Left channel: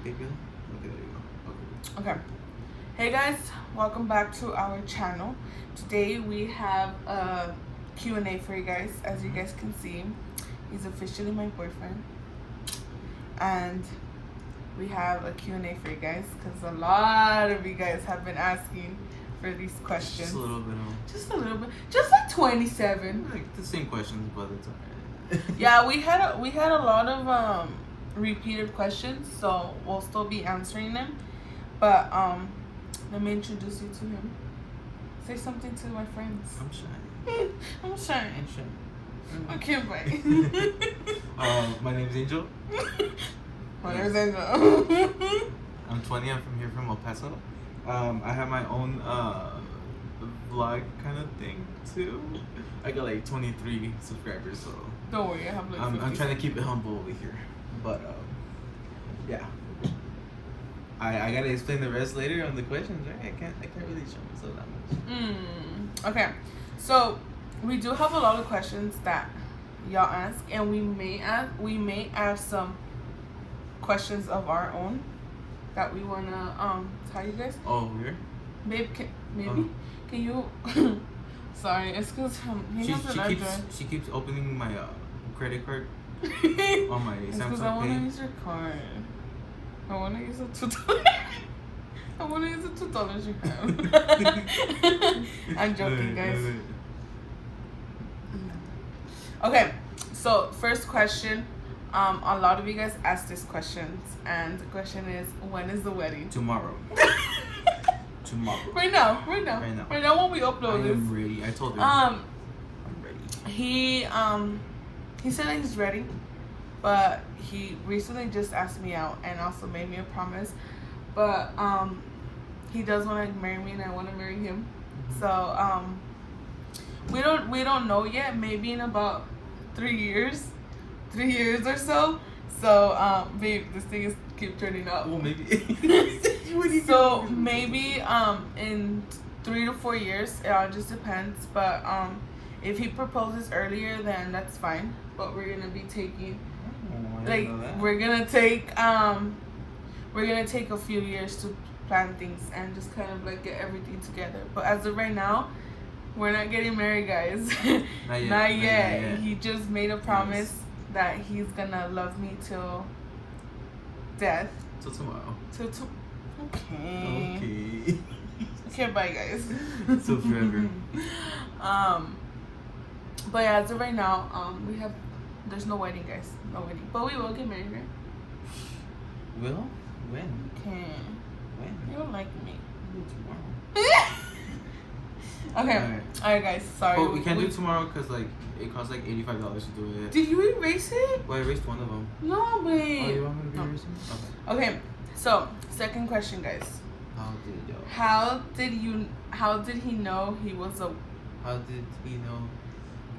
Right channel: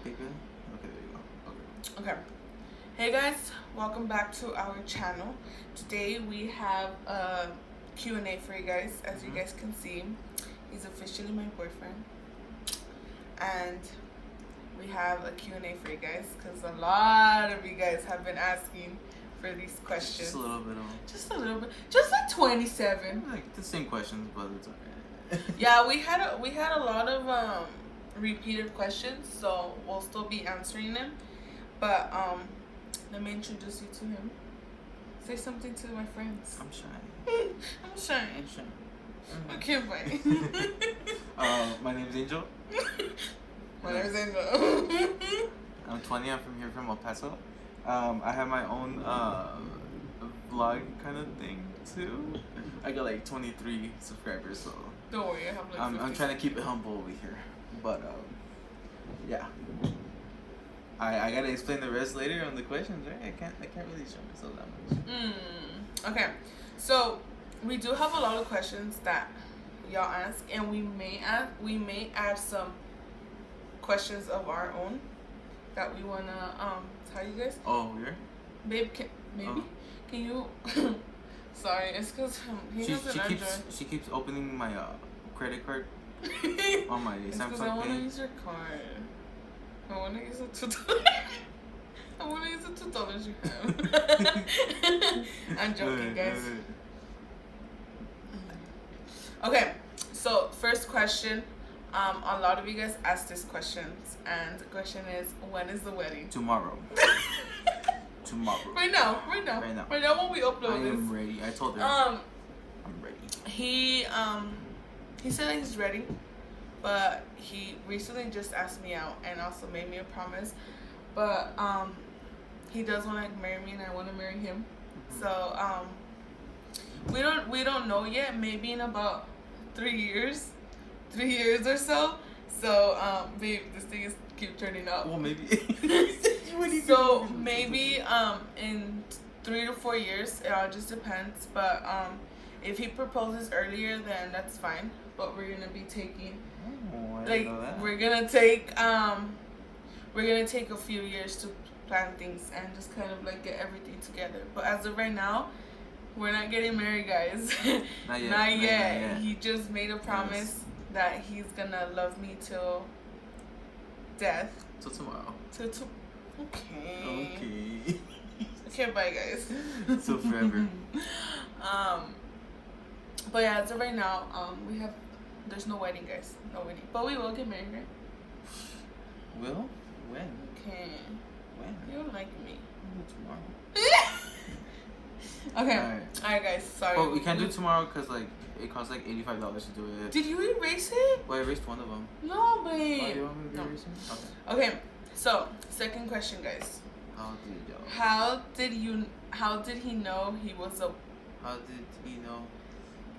Okay, good. Okay, there you go. Okay. Hey guys, welcome back to our channel. Today we have a Q&A for you guys. As you guys can see, he's officially my boyfriend. And we have a Q&A for you guys because a lot of you guys have been asking for these questions. Just a little bit. Just a little bit. Just like 27. Like the same questions, but it's alright. Yeah, we had a lot of repeated questions, so we'll still be answering them. But let me introduce you to him. Say something to my friends. I'm shy. I'm shy. I'm shy. Okay, bye. My name's Angel. My name's Angel. I'm 20. I'm from here from El Paso. I have my own vlog kind of thing too. I got like 23 subscribers, so Don't worry, I have like 50. I'm trying to keep it humble over here. But yeah. I gotta explain the rest later on the questions, right? I can't really show myself that much. Okay, so we do have a lot of questions that y'all ask, and we may add some questions of our own that we wanna tell you guys. Oh, weird. Babe, can you? Sorry, it's because he has an address. She keeps opening my credit card on my It's because Samsung I want to Pay. use your card. I want to use the $2. I want to use the $2 you have. I'm joking, guys. Okay, so first question. A lot of you guys asked this questions, and the question is, when is the wedding? Tomorrow. Tomorrow. Right now when we upload I this. am ready. I told him. I'm ready. He said that he's ready, but he recently just asked me out and also made me a promise. But he does want to marry me, and I want to marry him. So we don't know yet. Maybe in about 3 years or so. So babe, this thing is keep turning up. Well, maybe. So maybe in 3 to 4 years. It all just depends. But if he proposes earlier, then that's fine. But we're gonna be taking we're gonna take a few years to plan things and just kind of like get everything together. But as of right now, we're not getting married, guys. Not yet. He just made a promise that he's gonna love me till death. Till tomorrow. Okay. Okay. Okay, bye, guys. Till forever. But yeah, as of right now, there's no wedding, guys. No wedding. But we will get married, right? Will? When? Okay. When? You don't like me. Tomorrow. Okay. Alright, guys. Sorry. But we can't do it tomorrow because like it costs like $85 to do it. Did you erase it? Well, I erased one of them. No, babe. Oh, you want me to erase them? Okay. Okay. So, second question, guys. How did How did he know he was a? How did he know?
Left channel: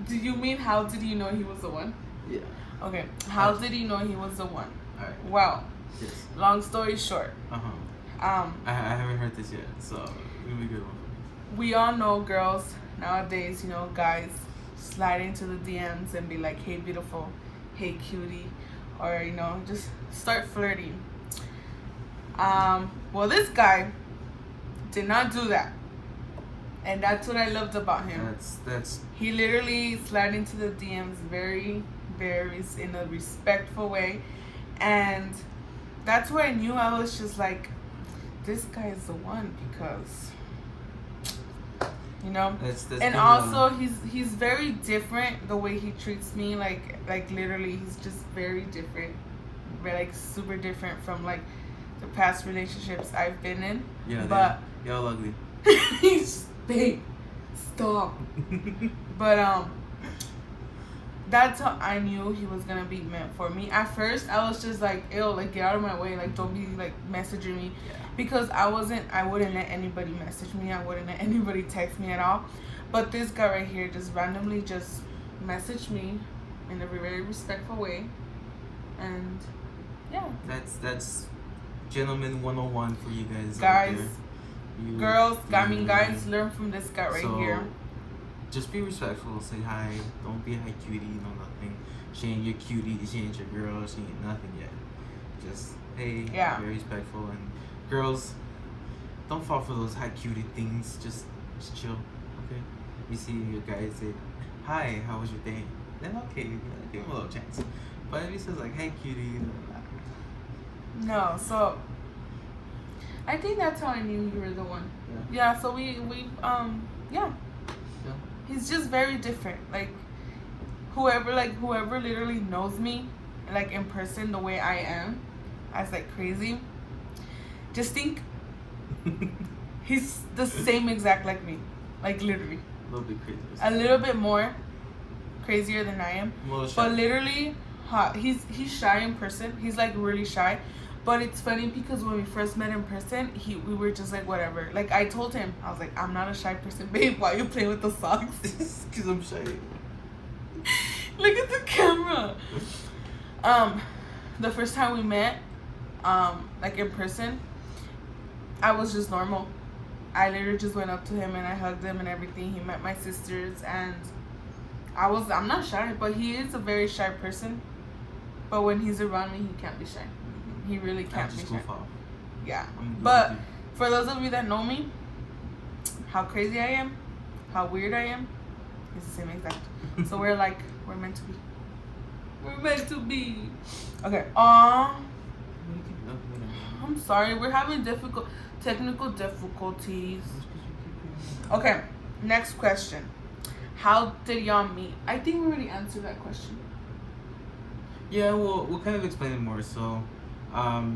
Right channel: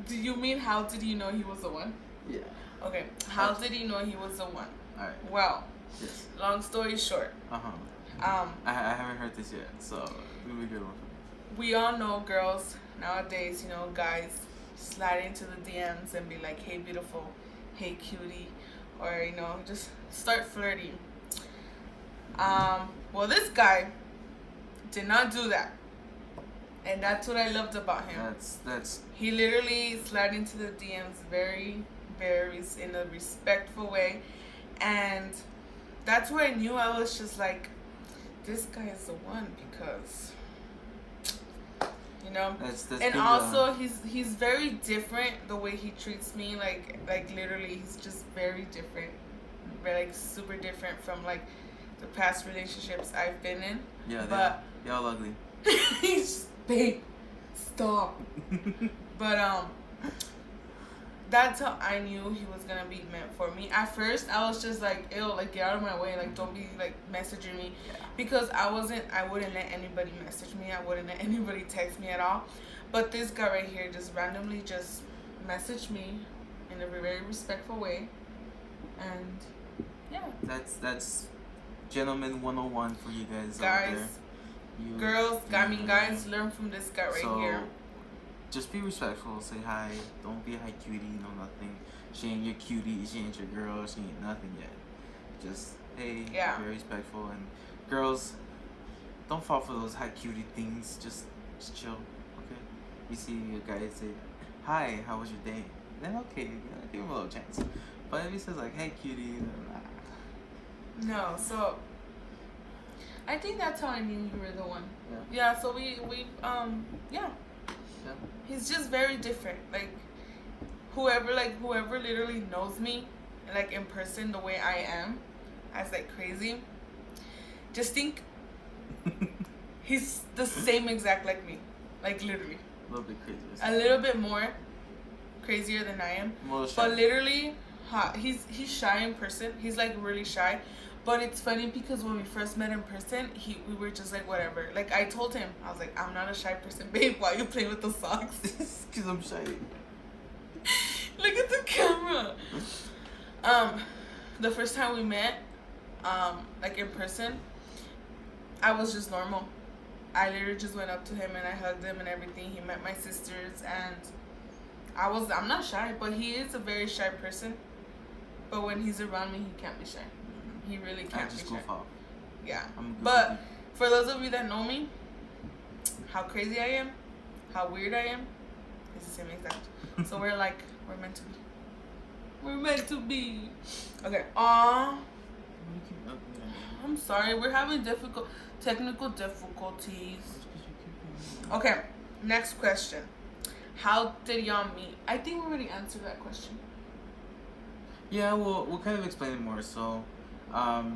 Do you mean how did he know he was the one? Yeah. Okay. How did he know he was the one? Alright. Well, Yes. long story short. I haven't heard this yet, so it'll be a good one. We all know girls nowadays, guys slide into the DMs and be like, hey beautiful, hey cutie, or just start flirting. Well, this guy did not do that, and that's what I loved about him. That's He literally slid into the DMs very, very in a respectful way, and that's where I knew I was just like, this guy is the one, because that's and also he's very different the way he treats me, like literally he's just very different, like super different from like the past relationships I've been in. Yeah, but they're all ugly. babe, stop. But that's how I knew he was gonna be meant for me. At first I was just like, ew, like get out of my way, like don't be like messaging me. Because I wouldn't let anybody message me. I wouldn't let anybody text me at all. But this guy right here just randomly just messaged me in a very respectful way. And yeah. That's gentleman 101 for you guys. Guys, girls, guys, learn from this guy right so, here. Just be respectful. Say hi. Don't be hi cutie. No nothing. She ain't your cutie. She ain't your girl. She ain't nothing yet. Just Hey, Yeah. very respectful. And girls, don't fall for those hi cutie things. Just chill, okay? You see your guy say, "Hi, how was your day?" Then okay, give him a little chance. But if he says like, "Hey, cutie," No, so I think that's how I knew you were the one. Yeah. Yeah. So we yeah. Yeah. He's just very different. Like whoever literally knows me, like in person the way I am, as like crazy. Just think he's the same exact like me, like literally. A little bit crazy. A little bit more crazier than I am, A little shy. but literally, he's shy in person. He's like really shy, but it's funny because when we first met in person, we were just like whatever. Like I told him, I was like, I'm not a shy person, babe. Why you playing with the socks? Cause I'm shy. Look at the camera. The first time we met, like in person, I was just normal. I literally just went up to him and I hugged him and everything. He met my sisters and I'm not shy, but he is a very shy person. But when he's around me, he can't be shy. He really can't be shy. Yeah. But for those of you that know me, how crazy I am, how weird I am, it's the same exact. So we're meant to be. We're meant to be. Okay. I'm sorry. We're having technical difficulties. Okay. Next question. How did y'all meet? I think we already answered that question. Yeah, we'll kind of explain it more. So,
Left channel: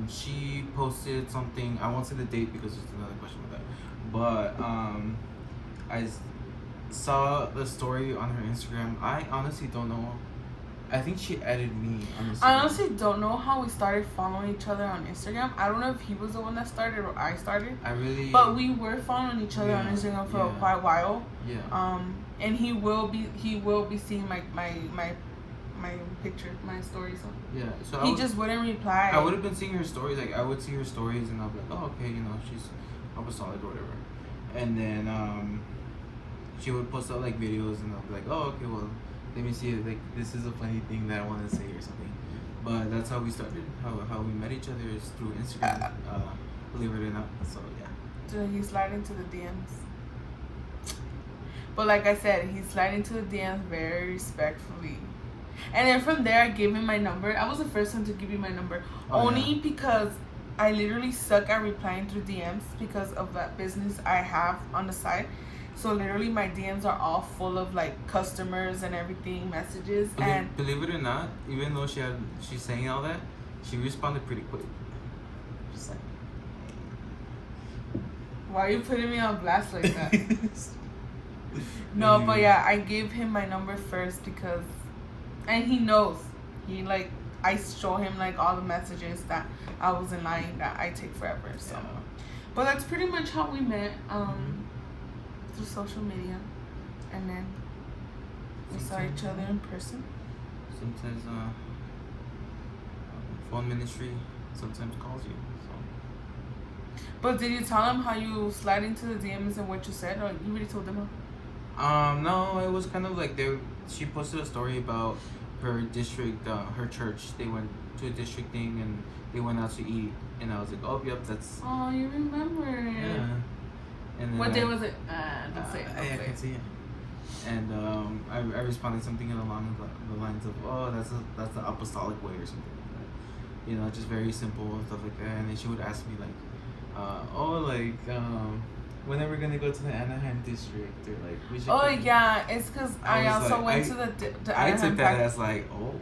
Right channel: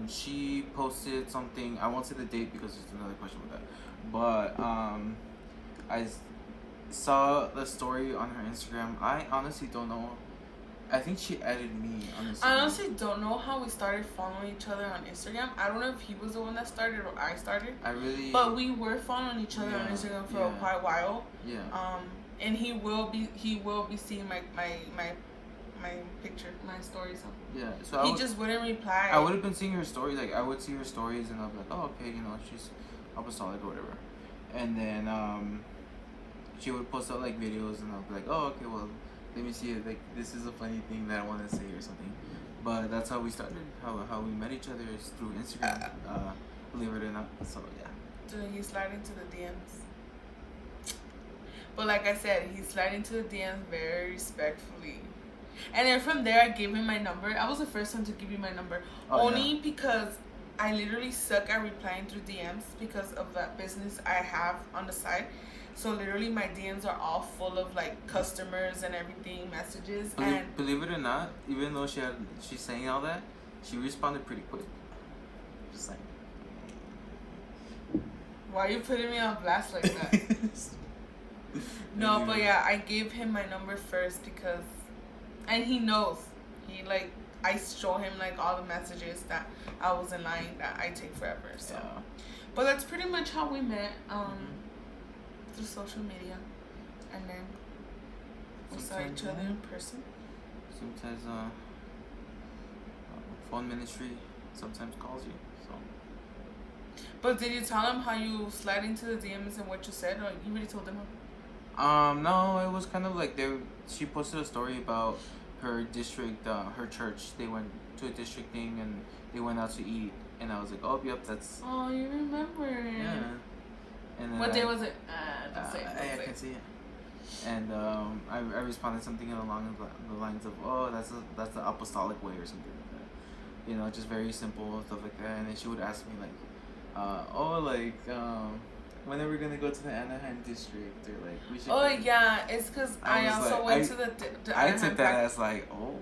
she posted something. I won't say the date because there's another question with that. But I saw the story on her Instagram. I honestly don't know. I think she added me on Instagram. I honestly don't know how we started following each other on Instagram. I don't know if he was the one that started or I started. But we were following each other on Instagram for quite a while. Yeah. And he will be seeing my picture, my stories. So yeah. So he just wouldn't reply. I would have been seeing her stories. Like I would see her stories and I'll be like, oh okay, she's apostolic or whatever. And then she would post out like videos and I'll be like, oh okay, well let me see if like this is a funny thing that I want to say or something. But that's how we started. How we met each other is through Instagram. Believe it or not. So yeah. So he slid into the DMs. But like I said, he slid into the DMs very respectfully. And then from there, I gave him my number. I was the first one to give you my number. Only because I literally suck at replying through DMs because of that business I have on the side. So literally my DMs are all full of like customers and everything, messages. Believe it or not, even though she's saying all that, she responded pretty quick. Just like. Why are you putting me on blast like that? No, but yeah, I gave him my number first because, and he knows. I show him like all the messages that I was in line that I take forever. So, but that's pretty much how we met. Through social media, and then we saw each other in person. Sometimes phone ministry sometimes calls you. So. But did you tell him how you slid into the DMs and what you said, or you already told them? No, it was kind of like she posted a story about her district, her church. They went to a district thing and they went out to eat, and I was like, oh yep, that's. Oh, you remember? Yeah. And then what day was it? Don't say it. I can see it. And I responded something along the lines of, oh, that's the apostolic way or something like that. Just very simple stuff like that. And then she would ask me like, when are we gonna go to the Anaheim district, or like we should. Oh yeah, it's because I also went to the Anaheim. I took that as like, oh.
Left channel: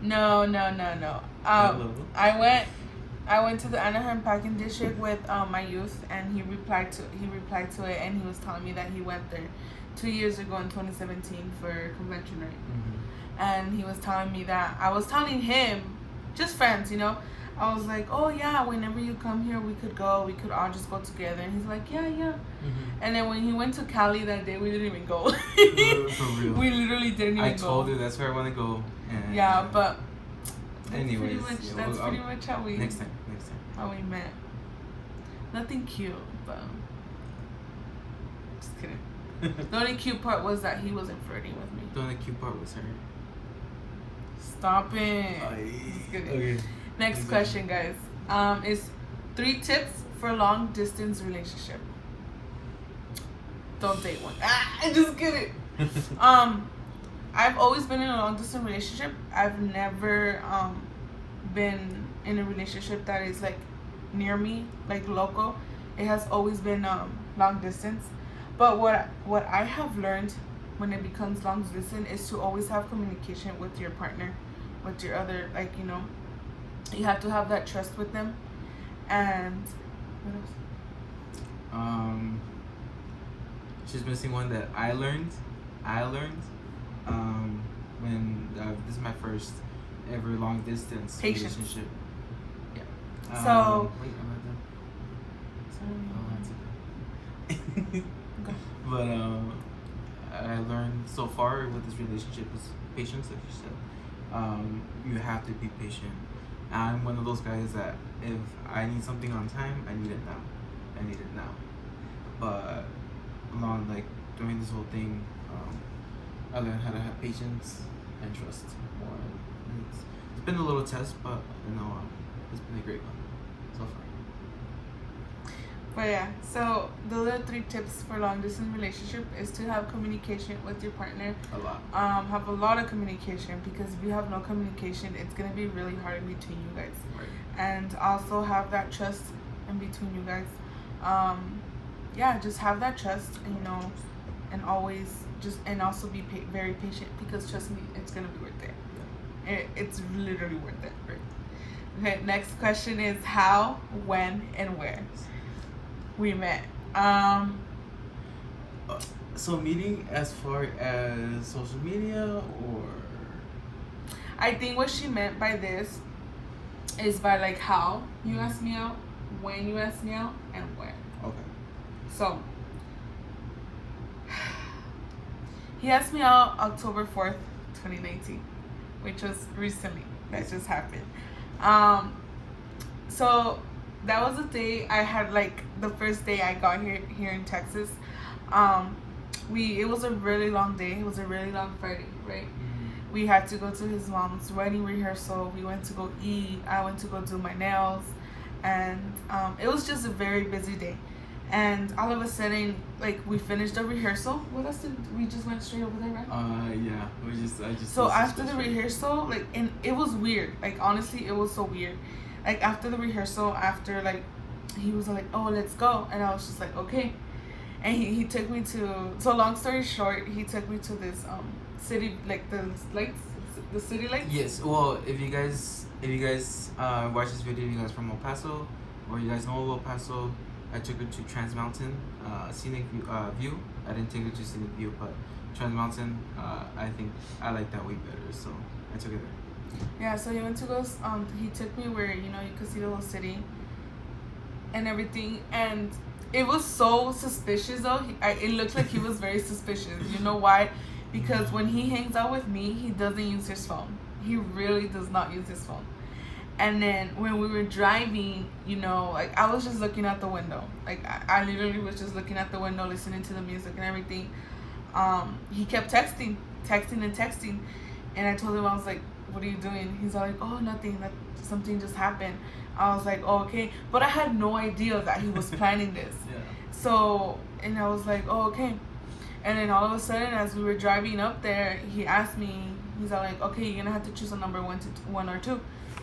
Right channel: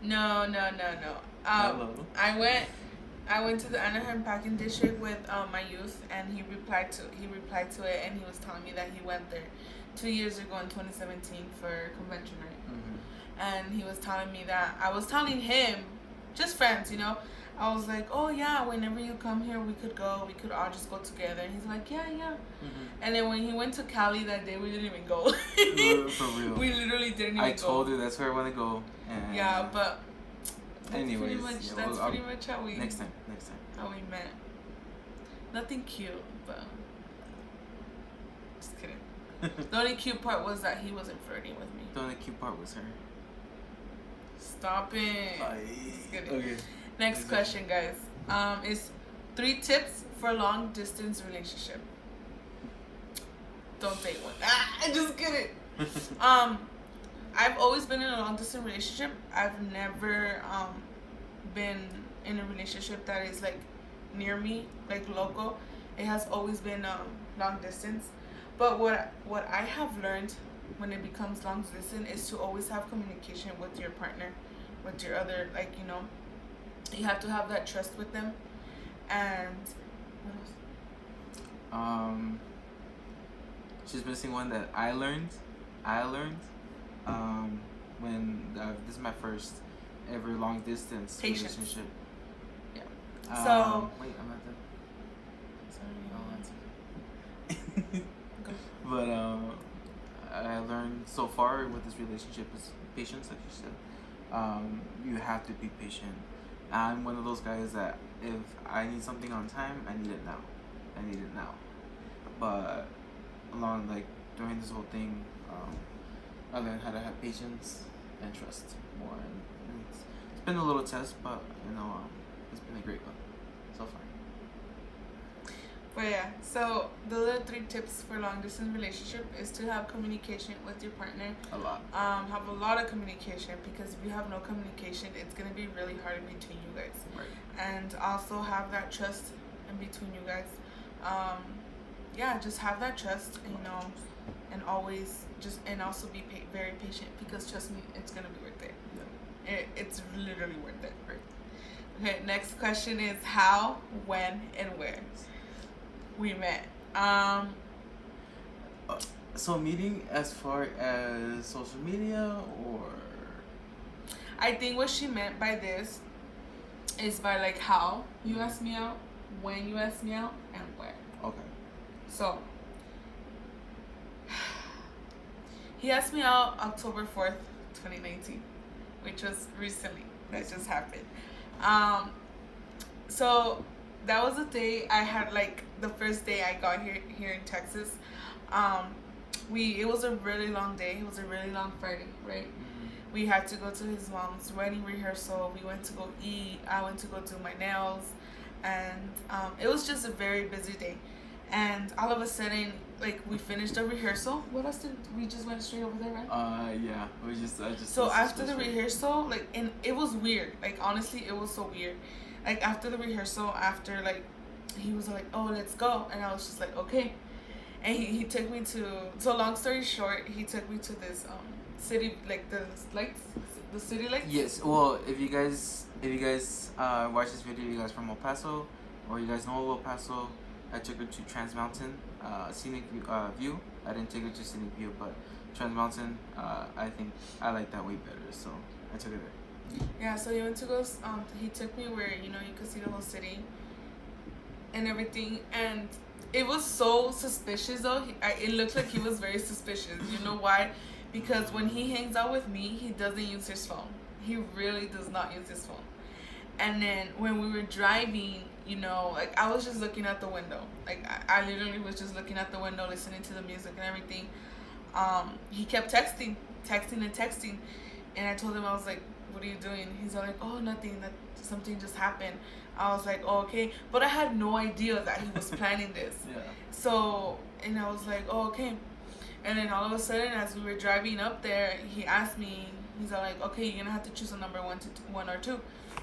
No. I went to the Anaheim Packing District with my youth, and he replied to it, and he was telling me that he went there 2 years ago in 2017 for convention night. Mm-hmm. And he was telling me that I was telling him, just friends, I was like, oh yeah, whenever you come here, we could all just go together. And he's like, yeah. Mm-hmm. And then when he went to Cali that day, we didn't even go. For real. We literally didn't even go. I told her that's where I want to go. And yeah, but that's anyways, pretty much how we. Next time. How we met. Nothing cute, but just kidding. The only cute part was that he wasn't flirting with me. The only cute part was her. Stop it. Just kidding. Okay. Next question, guys. is 3 tips for long distance relationship. Don't date one. I just kidding. I've always been in a long distance relationship. I've never been in a relationship that is like near me, like local. It has always been long distance. But what I have learned when it becomes long distance is to always have communication with your partner, with your other, like, you know, you have to have that trust with them. And what else? She's missing one that I learned when this is my first ever long distance Patience. relationship. Yeah. So wait, I'm not done. sorry. Go. But I learned so far with this relationship is patience, like you said. You have to be patient. I'm one of those guys that if I need something on time, I need it now. But during this whole thing, I learned how to have patience and trust more. And it's been a little test, but it's been a great one so far. But yeah, so the other 3 tips for long distance relationship is to have communication with your partner. A lot. Have a lot of communication, because if you have no communication, it's gonna be really hard in between you guys. Right. And also have that trust in between you guys. Yeah, just have that trust, and always and also be very patient, because trust me, it's gonna be worth it. Yeah. It's literally worth it. Right. Okay, next question is how, when, and where we met. So meeting as far as social media, or I think what she meant by this is by like how you asked me out, when you asked me out, and where. okay. So he asked me out October 4th, 2019, which was recently. That just happened. So that was the day I had, like, the first day I got here in Texas. It was a really long day. It was a really long Friday, right? Mm-hmm. We had to go to his mom's wedding rehearsal. We went to go eat. I went to go do my nails, and it was just a very busy day. And all of a sudden, like, we finished the rehearsal. What else did we just went straight over there, right? Yeah. I just. So after the rehearsal, like, and it was weird. Like, honestly, it was so weird. Like, after the rehearsal, like, he was like, oh, let's go. And I was just like, okay. And he took me to, so long story short, he took me to this city, like the city lights. Yes. Well, if you guys watch this video, you guys from El Paso, or you guys know El Paso, I took her to Trans Mountain, scenic view. I didn't take her to scenic view, but Trans Mountain, I think I like that way better, so I took her there. Yeah, so he went to go. He took me where you could see the whole city and everything, and it was so suspicious though. It looked like he was very suspicious. You know why? Because when he hangs out with me, he doesn't use his phone. He really does not use his phone. And then when we were driving, like, I was just looking out the window. Like, I literally was just looking out the window, listening to the music and everything. He kept texting. And I told him, I was like, what are you doing? He's like, oh, nothing. That something just happened. I was like, oh, okay. But I had no idea that he was planning this. Yeah. So, and I was like, oh, okay. And then all of a sudden, as we were driving up there, he asked me, he's like, okay, you're going to have to choose a number one or two.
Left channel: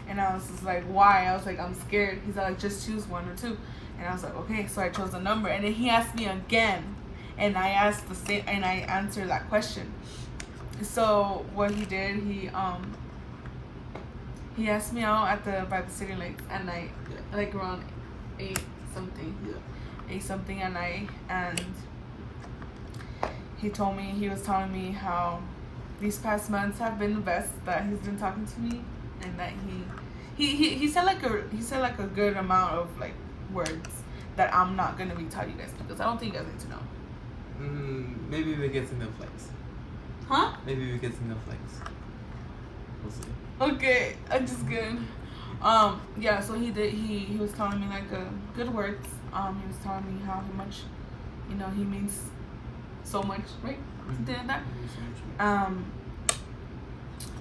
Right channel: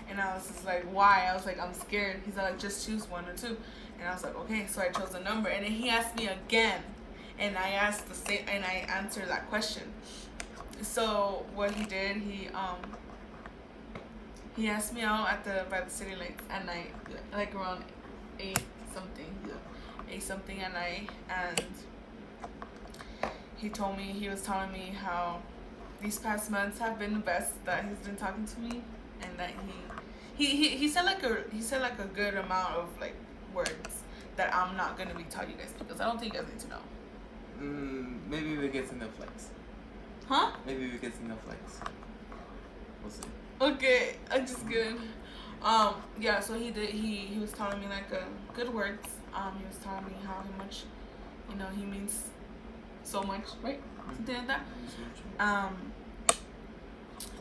And I was just like, why? I was like, I'm scared. He's like, just choose 1 or 2. And I was like, okay. So I chose a number. And then he asked me again. And I asked the same, and I answered that question. So what he did, he asked me out by the city lights at night, Yeah. like around 8 something. Yeah. 8 something at night, and he was telling me how these past months have been the best, that he's been talking to me, and that he said like a good amount of like words that I'm not gonna be telling you guys, because I don't think you guys need to know. Maybe we get some flex. Huh? Maybe we get some flex. We'll see. Okay, I'm just kidding. Yeah, so he was telling me like good words. He was telling me how much, he means so much, right? Something like that.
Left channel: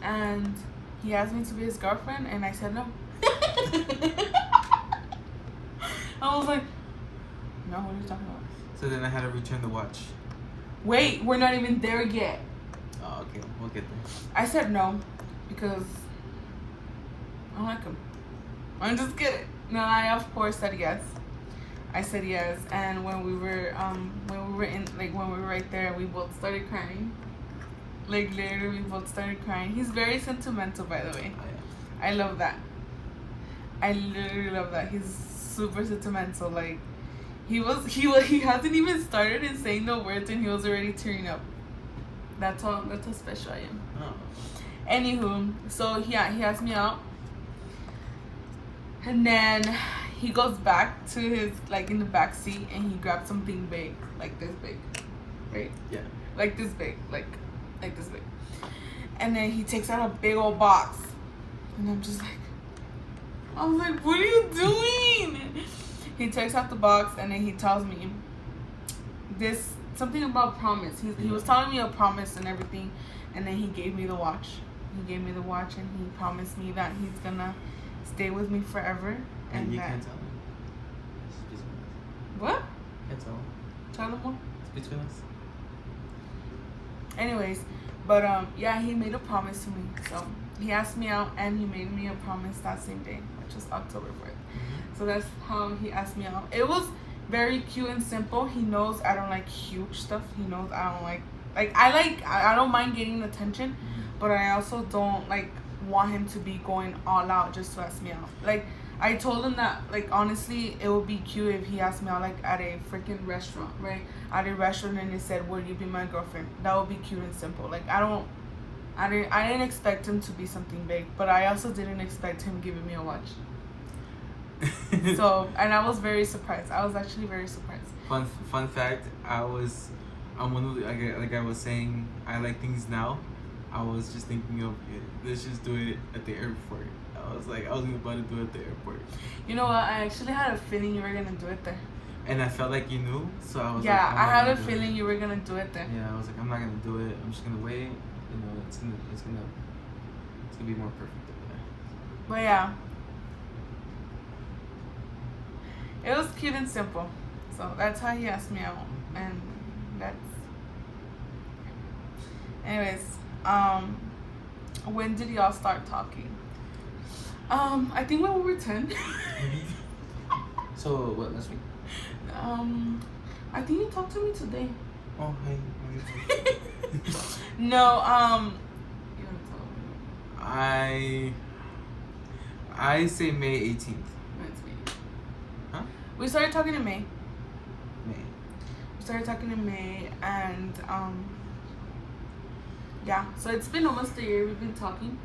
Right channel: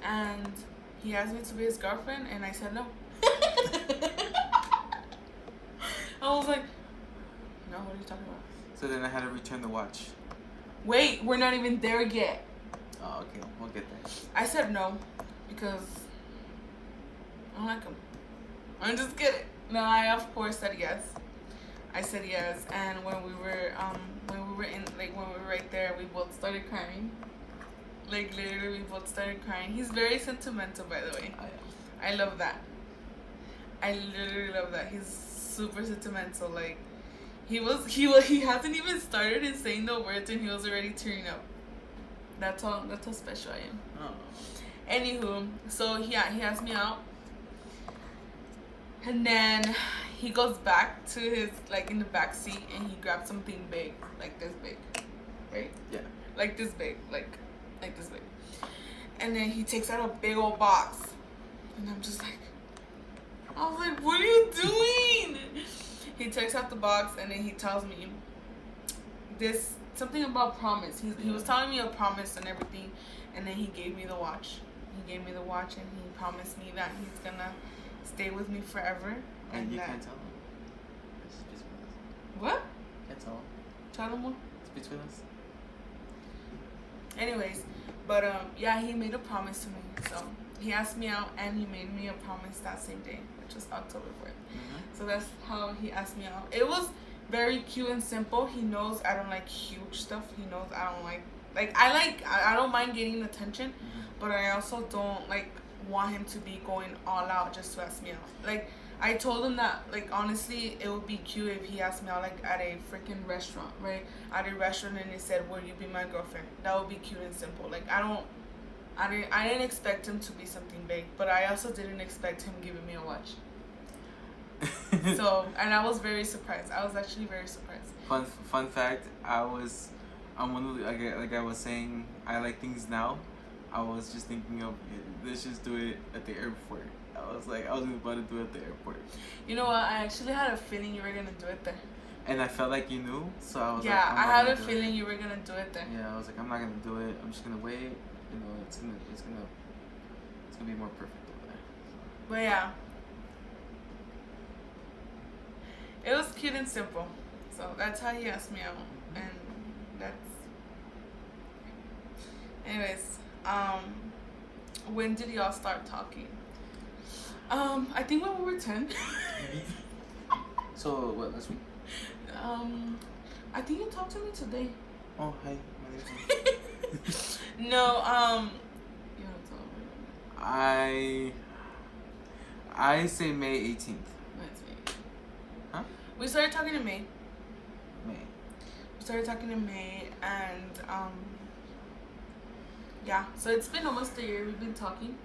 And he asked me to be his girlfriend, and I said no. What are you talking about? So then I had to return the watch. Wait, we're not even there yet. Oh, okay, we'll get there. I said no because I don't like him. I'm just kidding. No, I of course said yes. I said yes, and when we were right there, we both started crying. Like literally, we both started crying. He's very sentimental, by the way. I love that. I literally love that. He's super sentimental. Like he hasn't even started in saying the words, and he was already tearing up. That's how special I am. Oh. Anywho, so yeah, he asked me out, and then he goes back to his, like, in the back seat, and he grabs something big, like this big, right? Yeah. Like this big, like this big, and then he takes out a big old box, and I'm just like, I was like, what are you doing? He takes out the box, and then he tells me this something about promise. He was telling me a promise and everything, and then he gave me the watch. He gave me the watch, and he promised me that he's gonna stay with me forever. And you that. can't tell him. What? Can't tell him. Tell him what? It's between us. Anyways, but yeah, he made a promise to me. So he asked me out, and he made me a promise that same day, which was October 4th. Mm-hmm. So that's how he asked me out. It was very cute and simple. He knows I don't like huge stuff. He knows I don't like I don't mind getting attention, Mm-hmm. but I also don't want him to be going all out just to ask me out. Like, I told him that, like, honestly, it would be cute if he asked me out, like, at a freaking restaurant, right? At a restaurant, and he said, "Will you be my girlfriend?" That would be cute and simple. Like, I didn't expect him to be something big, but I also didn't expect him giving me a watch. So, and I was very surprised. I was actually very surprised. Fun fact, I'm one of the, like I was saying, I like things now. I was just thinking of, let's just do it at the airport. I was about to do it at the airport. You know what? I actually had a feeling you were gonna do it there. And I felt like you knew, so I was yeah, like, I had a feeling you were gonna do it there. Yeah, I was like, I'm not gonna do it. I'm just gonna wait. You know, it's gonna be more perfect over there. But yeah, it was cute and simple. So that's how he asked me out, and that's. Anyways, when did y'all start talking? I think when we were 10. So what, last week? I think you talked to me today. Oh, hi. No, you I say May 18th. That's me. Huh? We started talking in May. May. We started talking in May, and yeah. So it's been almost a year. We've been talking.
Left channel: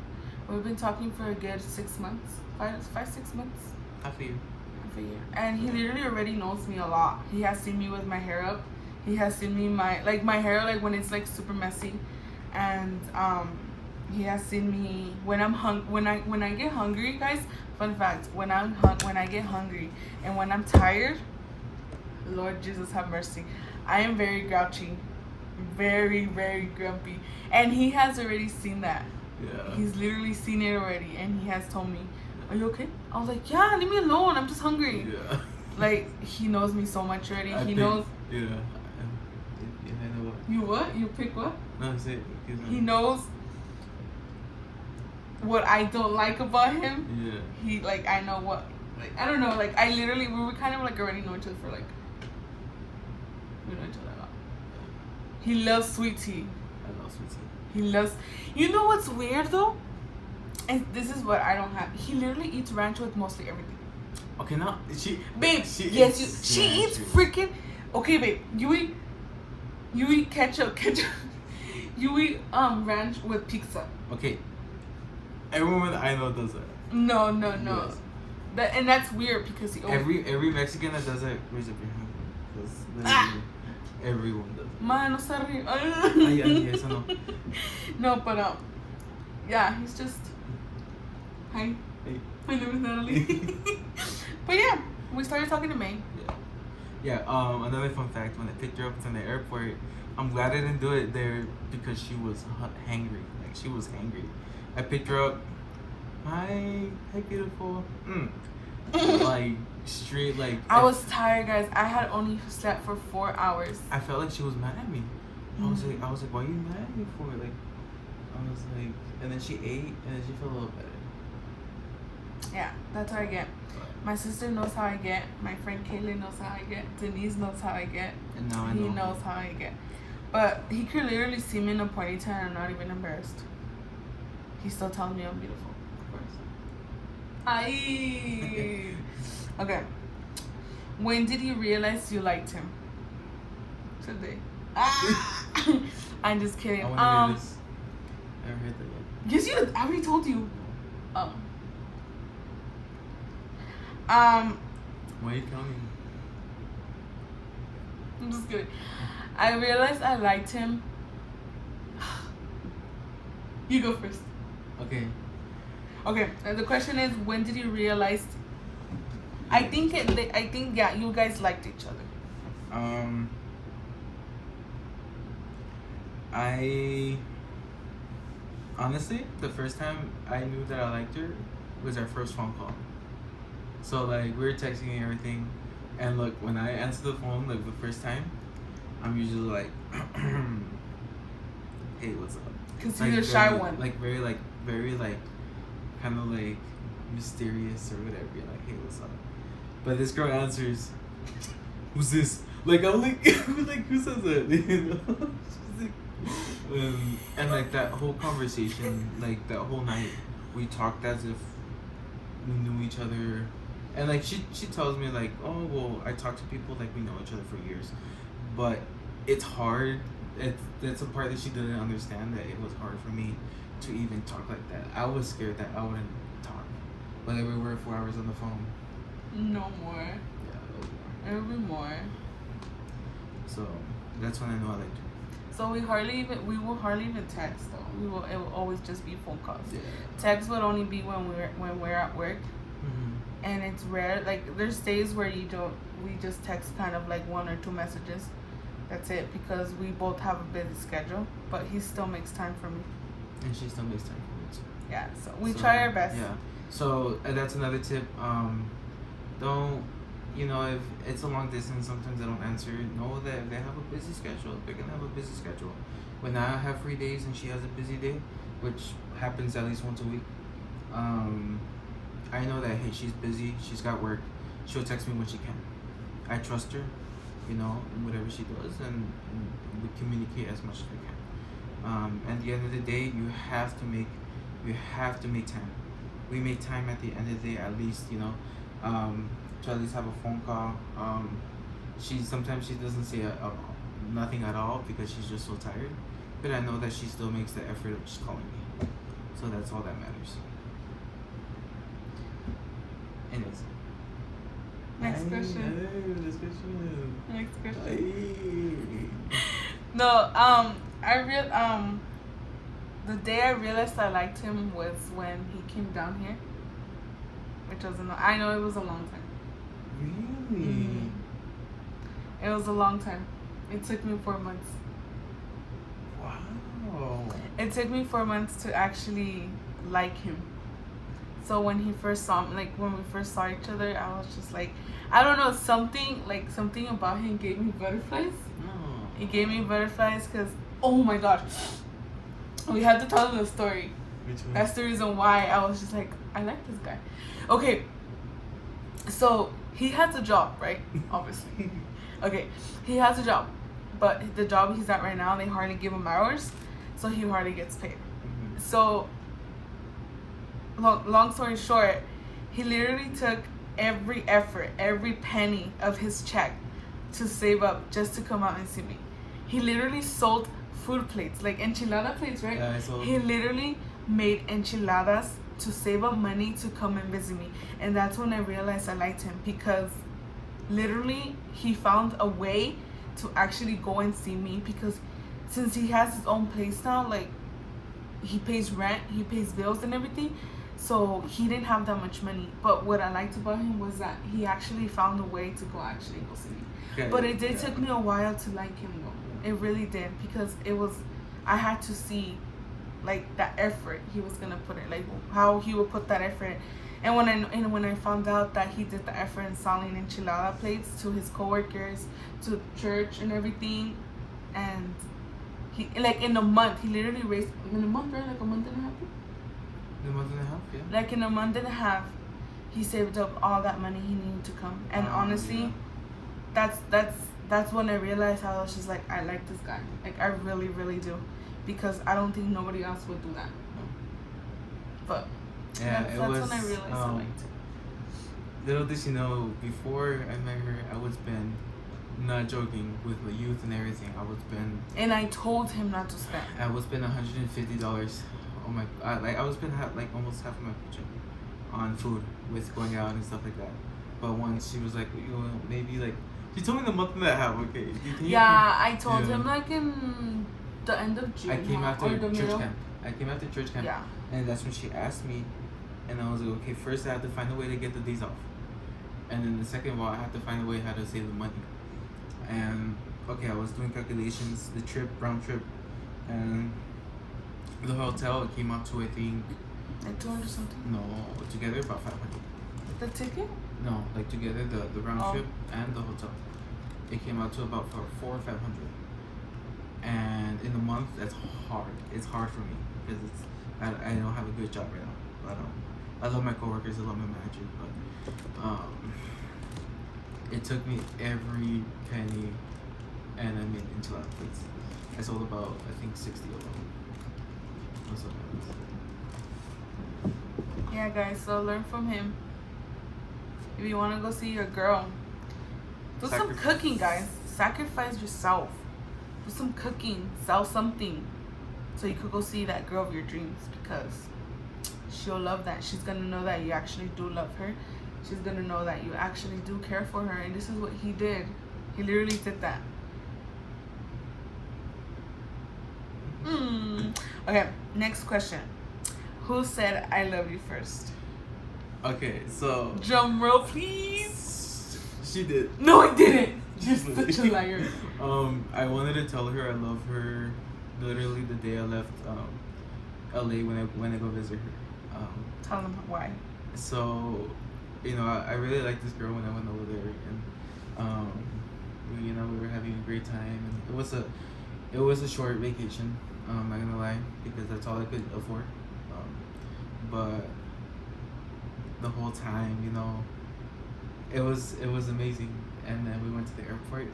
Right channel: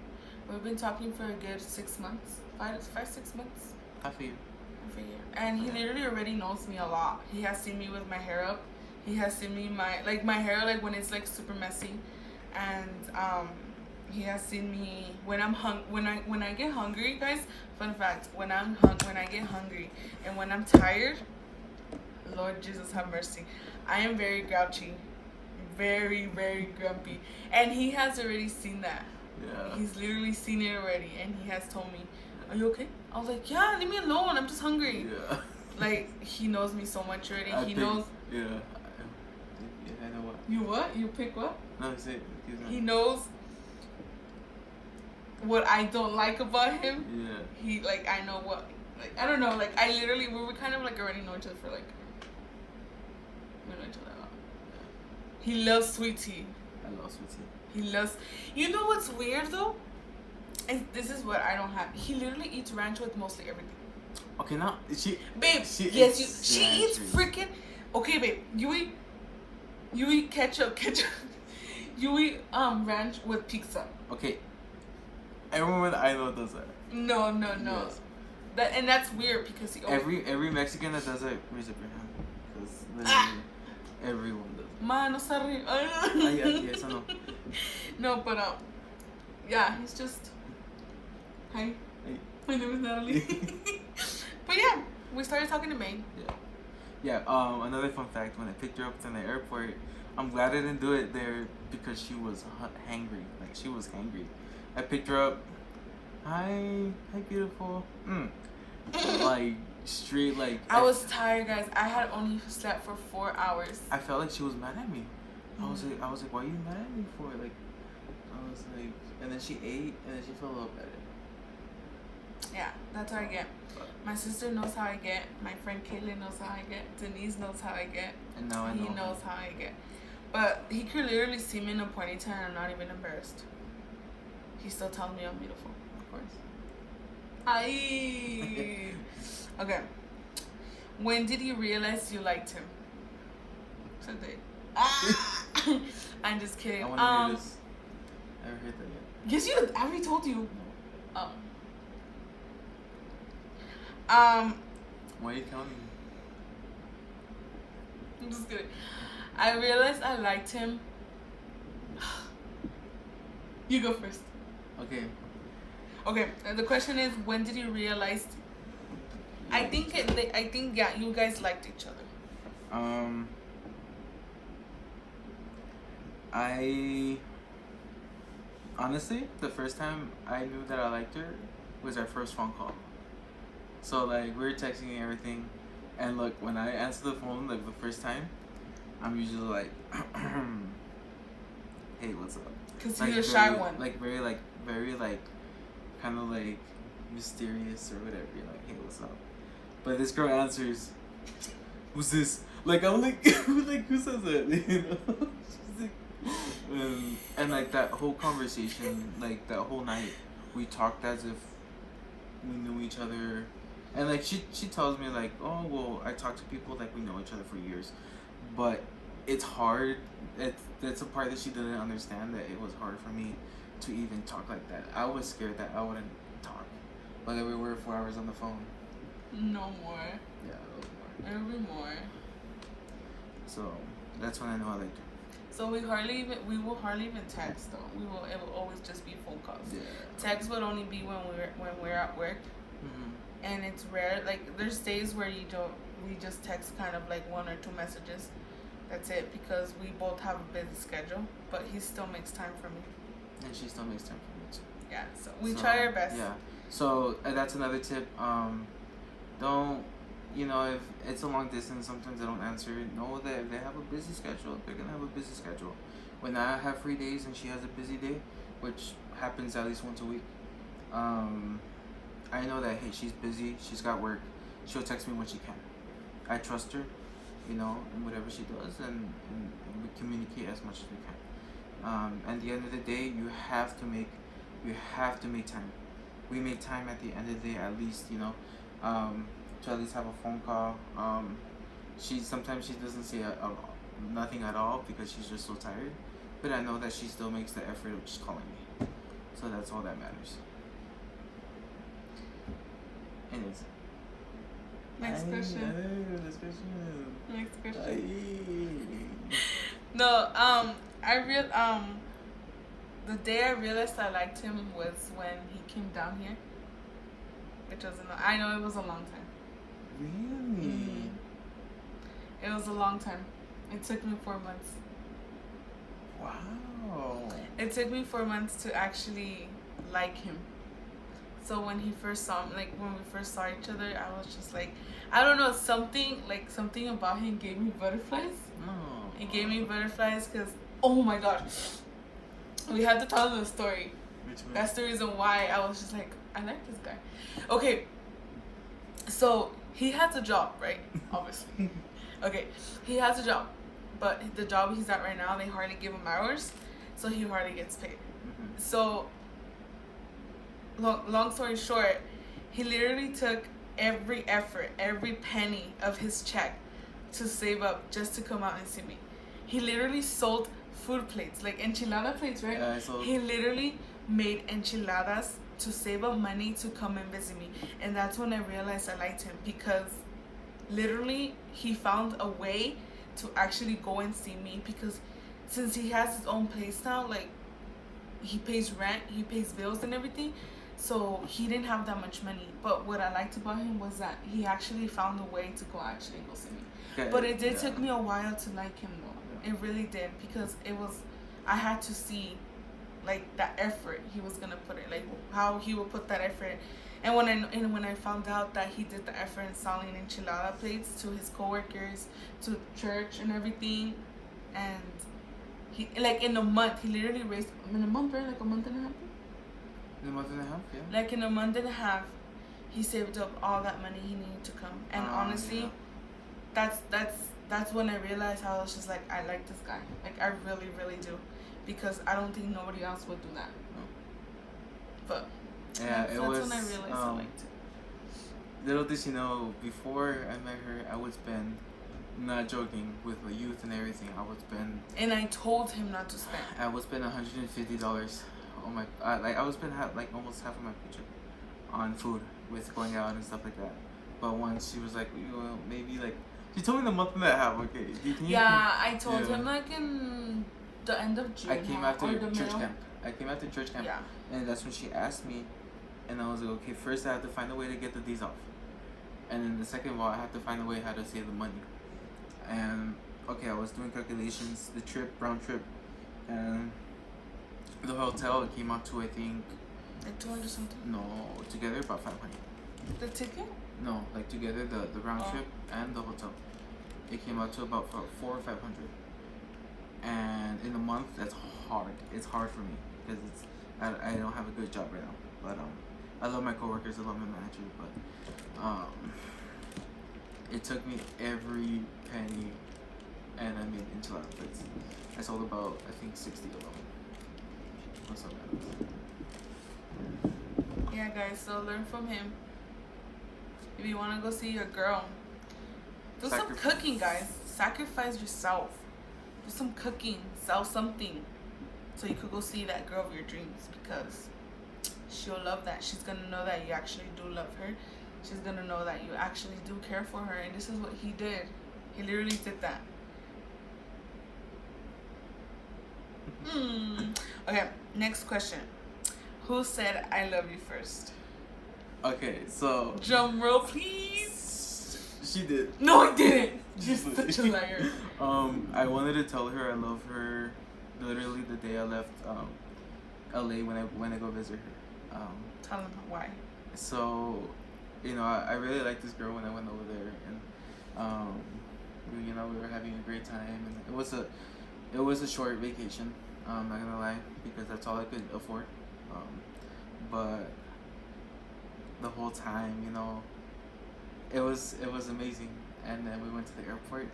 We've been talking for a good 6 months, 6 months. Half a year. Half a year. And he literally already knows me a lot. He has seen me with my hair up. He has seen me my hair like when it's like super messy, and he has seen me when I'm when I get hungry, guys. Fun fact: when I get hungry and when I'm tired, Lord Jesus have mercy, I am very grouchy, very, very grumpy, and he has already seen that. Yeah. He's literally seen it already, and he has told me, "Are you okay?" I was like, "Yeah, leave me alone. I'm just hungry." Yeah. Like, he knows me so much already. I knows. Yeah. I know what. You what? You pick what? No, it's it. He knows what I don't like about him. Yeah. He, like, I know what, like, I don't know, like, I literally, we were kind of like already know each other for like, we know each other a lot. He loves sweet tea. I love sweet tea. He loves, you know what's weird though? And this is what I don't have. He literally eats ranch with mostly everything. Okay, now Babe, she eats freaking. Okay, babe, you eat ketchup. You eat ranch with pizza. Okay. Everyone I know does that. No. Yes. And that's weird because he every Mexican that does it, where's it behind? Everyone does it. Mano, sorry. Yes, I know. No, but yeah, he's just. Hi. Hey. My name is Natalie. But yeah, we started talking in May. Yeah. Another fun fact: when I picked her up from the airport, I'm glad I didn't do it there because she was hangry. Like, she was hangry. I picked her up. Hi, beautiful. Like straight like. I was tired, guys. I had only slept for 4 hours. I felt like she was mad at me. I was like, why are you mad at me for? Like, I was like, and then she ate, and then she felt a little better. Yeah, that's how I get. My sister knows how I get. My friend Kaylee knows how I get. Denise knows how I get. And now I know. He knows how I get. But he could literally see me in a ponytail and I'm not even embarrassed. He still tells me I'm beautiful. Of course. Aye. Okay. When did you realize you liked him? Today. I'm just kidding. I want to hear this. I heard that yet. Yes, you. I already told you. Oh. Why are you telling me? I'm just kidding. I realized I liked him. You go first. Okay. Okay. The question is, when did you realize? I think yeah, you guys liked each other. I honestly, the first time I knew that I liked her was our first phone call. So like we were texting and everything, and look, when I answer the phone like the first time, I'm usually like, "Hey, what's up?" Cause Like, you're a shy very, one. Like very kind of like mysterious or whatever. You're like, "Hey, what's up?" But this girl answers, "Who's this?" Like I'm like, like who says that? You know? She's like, and like that whole conversation, like that whole night, we talked as if we knew each other. And like she tells me like, oh well, I talk to people like we know each other for years, but it's hard. That's a part that she didn't understand, that it was hard for me to even talk like that. I was scared that I wouldn't talk, but then we were 4 hours on the phone. No more. Yeah. It'll be more. So that's when I know I liked her. So we will hardly even text though. It will always just be phone calls. Yeah. Text would only be when we're at work. Mm-hmm. And it's rare. Like there's days where we just text kind of like 1 or 2 messages. That's it, because we both have a busy schedule. But he still makes time for me. And she still makes time for me too. Yeah, so we try our best. Yeah. So that's another tip. Don't, if it's a long distance, sometimes I don't answer. Know that if they have a busy schedule, they're gonna have a busy schedule. When I have free days and she has a busy day, which happens at least once a week, I know that, hey, she's busy, she's got work, she'll text me when she can. I trust her, in whatever she does, and we communicate as much as we can. At the end of the day, you have to make time. We make time at the end of the day, at least, to at least have a phone call. Sometimes she doesn't say nothing at all because she's just so tired, but I know that she still makes the effort of just calling me. So that's all that matters. And it's Next question. Next question. No, the day I realized I liked him was when he came down here, which was I know it was a long time. Really? It was a long time. It took me 4 months. Wow. It took me 4 months to actually like him. So when he first saw me, like when we first saw each other, I was just like, I don't know, something about him gave me butterflies. Oh. It gave me butterflies because, oh my gosh, we have to tell the story. That's the reason why I was just like, I like this guy. Okay, so he has a job, right? Obviously. Okay, he has a job, but the job he's at right now, they hardly give him hours, so he hardly gets paid. Mm-hmm. So, long story short, he literally took every effort, every penny of his check to save up just to come out and see me. He literally sold food plates, like enchilada plates, right? Yeah, I saw. He literally made enchiladas to save up money to come and visit me. And that's when I realized I liked him, because literally he found a way to actually go and see me, because since he has his own place now, like he pays rent, he pays bills and everything, so he didn't have that much money. But what I liked about him was that he actually found a way to go see me. Okay, But it did take me a while to like him though. It really did, because I had to see like that effort he was gonna put in, like how he would put that effort And when I found out that he did the effort in selling enchilada plates to his coworkers, to church and everything, and he like in a month he literally raised in a month, right? Like a month and a half. A month and a half, yeah. Like in a month and a half, he saved up all that money he needed to come. And honestly, yeah. that's when I realized how I was just like, I like this guy. Like I really, really do, because I don't think nobody else would do that. No. But yeah, that's when I realized I liked it. Little did you know, before I met her, I would spend, not joking, with the youth and everything, I would spend. And I told him not to spend. I would spend $150. Oh my! I would spend like almost half of my paycheck on food with going out and stuff like that. But once she was like, you know, maybe like, she told me the month and a half. Okay. Yeah, I told him like in the end of June. I came after or the church middle. camp. I came after church camp. Yeah. And that's when she asked me, and I was like, okay, first I have to find a way to get the days off, and then the second of all, I have to find a way how to save the money. And okay, I was doing calculations, the trip, round trip, and the hotel, it came out to, I think, Like 200 something. no, together about 500. The ticket? No, like together the round Oh. trip and the hotel, it came out to about 400 or 500. And in a month, that's hard. It's hard for me because I don't have a good job right now. But I love my coworkers, I love my manager, but it took me every penny, and I made enchilada plates. I sold about, I think, 60 of them. That's what it was. Yeah, guys. So learn from him. If you want to go see your girl, do some Sacrifice. cooking, guys. Sacrifice yourself. Do some cooking. Sell something, so you could go see that girl of your dreams, because she'll love that. She's gonna know that you actually do love her. She's gonna know that you actually do care for her. And this is what he did. He literally did that. Okay, next question. Who said I love you first? Okay, so Drum roll, please. she did. No, I didn't. You're such a liar. I wanted to tell her I love her literally the day I left LA when I go visit her. Tell them why. So, you know, I really liked this girl when I went over there, and you know, we were having a great time, and it was a short vacation. I'm not gonna lie, because that's all I could afford. But the whole time, you know, it was amazing. And then we went to the airport,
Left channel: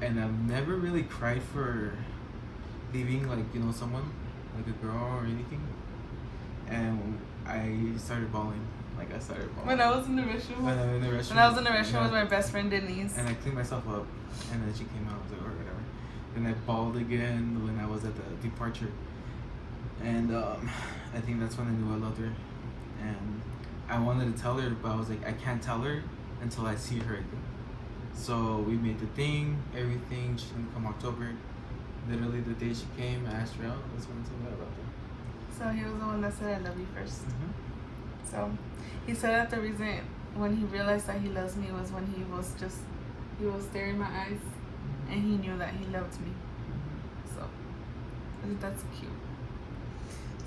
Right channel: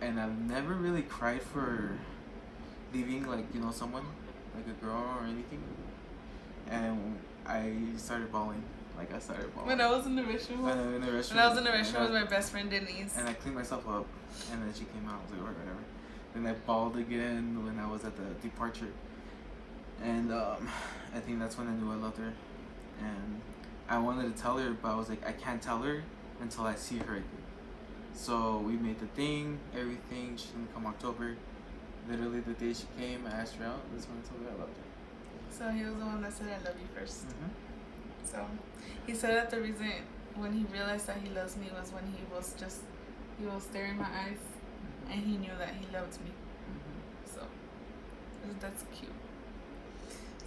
and I've never really cried for leaving, like, you know, someone, like a girl or anything. And I started bawling. Like, I started bawling. When I was in the restroom. When I was in the restroom with my best friend Denise. and I cleaned myself up, and then she came out or whatever. Then I bawled again when I was at the departure, and I think that's when I knew I loved her. And I wanted to tell her, but I was like, I can't tell her until I see her again. So we made the thing, everything. She's gonna come October. Literally the day she came, I asked her out. That's when I told her I loved her. So he was the one that said I love you first. Mm-hmm. So he said that the reason when he realized that he loves me was when he was staring in my eyes, and he knew that he loved me. So that's cute.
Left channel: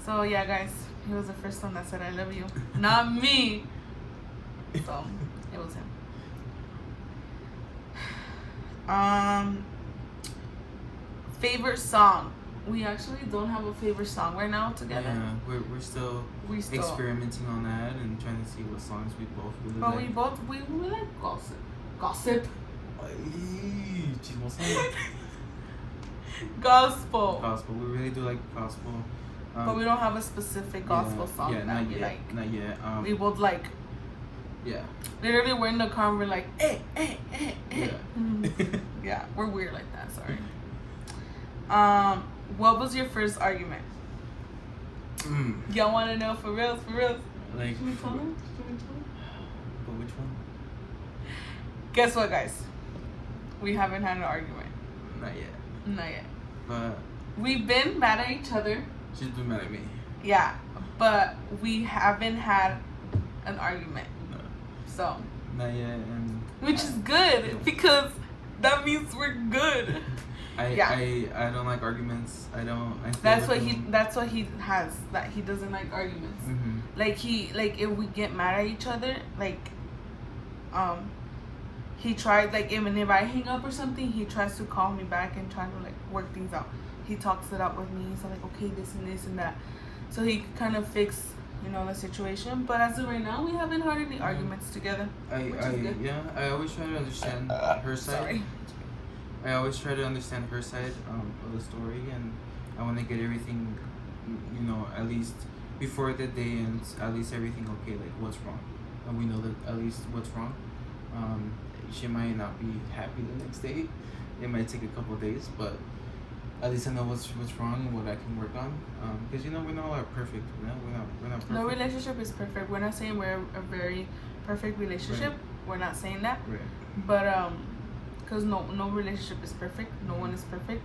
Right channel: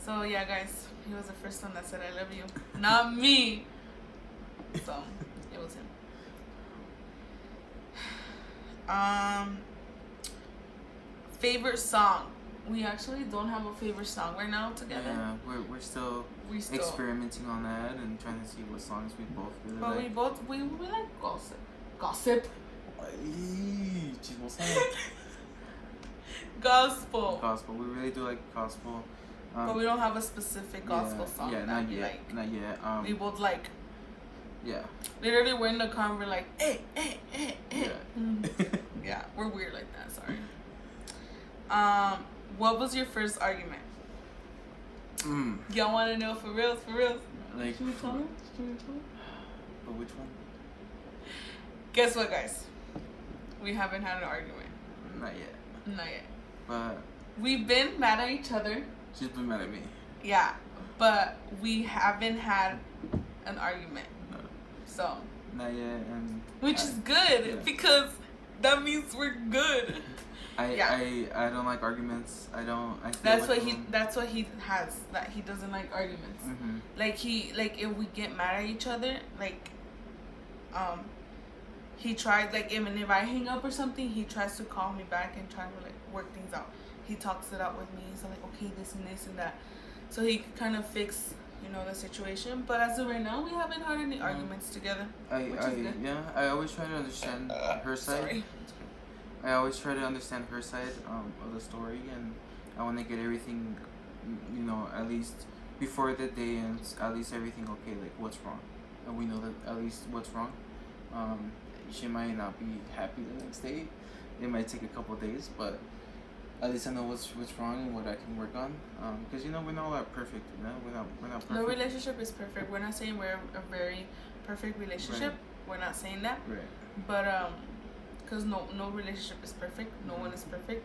So yeah, guys, he was the first one that said I love you, not me. So it was him. Favorite song. We actually don't have a favorite song right now together. Yeah, we're still experimenting on that and trying to see what songs we both really But like. we like gossip. Gossip. Gospel. Gospel. We really do like gospel. But we don't have a specific gospel song that we like. Not yet. We both like. Yeah. Literally, we're in the car and we're like, eh. Yeah. Yeah, we're weird like that. Sorry. What was your first argument? Y'all want to know for real? Like. Should we tell them? But which one? Guess what, guys? We haven't had an argument. Not yet. But We've been mad at each other. she's been mad at me. Yeah, but we haven't had an argument. No. So. Not yet, and Which is good, yeah. because that means we're good. I don't like arguments. I don't. I feel That's like what he has. That he doesn't like arguments. Mm-hmm. Like if we get mad at each other, like he tried, like, even if I hang up or something, he tries to call me back and try to like work things out. He talks it out with me. He's like, okay, this and that, so he could kind of fix, you know, the situation. But as of right now, we haven't had any arguments together. I always try to understand her side. Sorry. I always try to understand her side of the story, and I want to get everything, you know, at least before the day ends, at least everything okay, like what's wrong, and we know that at least what's wrong. She might not be happy the next day. It might take a couple days, but at least I know what's wrong and what I can work on. Because you know we're not all perfect. You know? We're not perfect. No relationship is perfect. We're not saying we're a very perfect relationship. Right. We're not saying that. Right. But because no relationship is perfect. No one is perfect.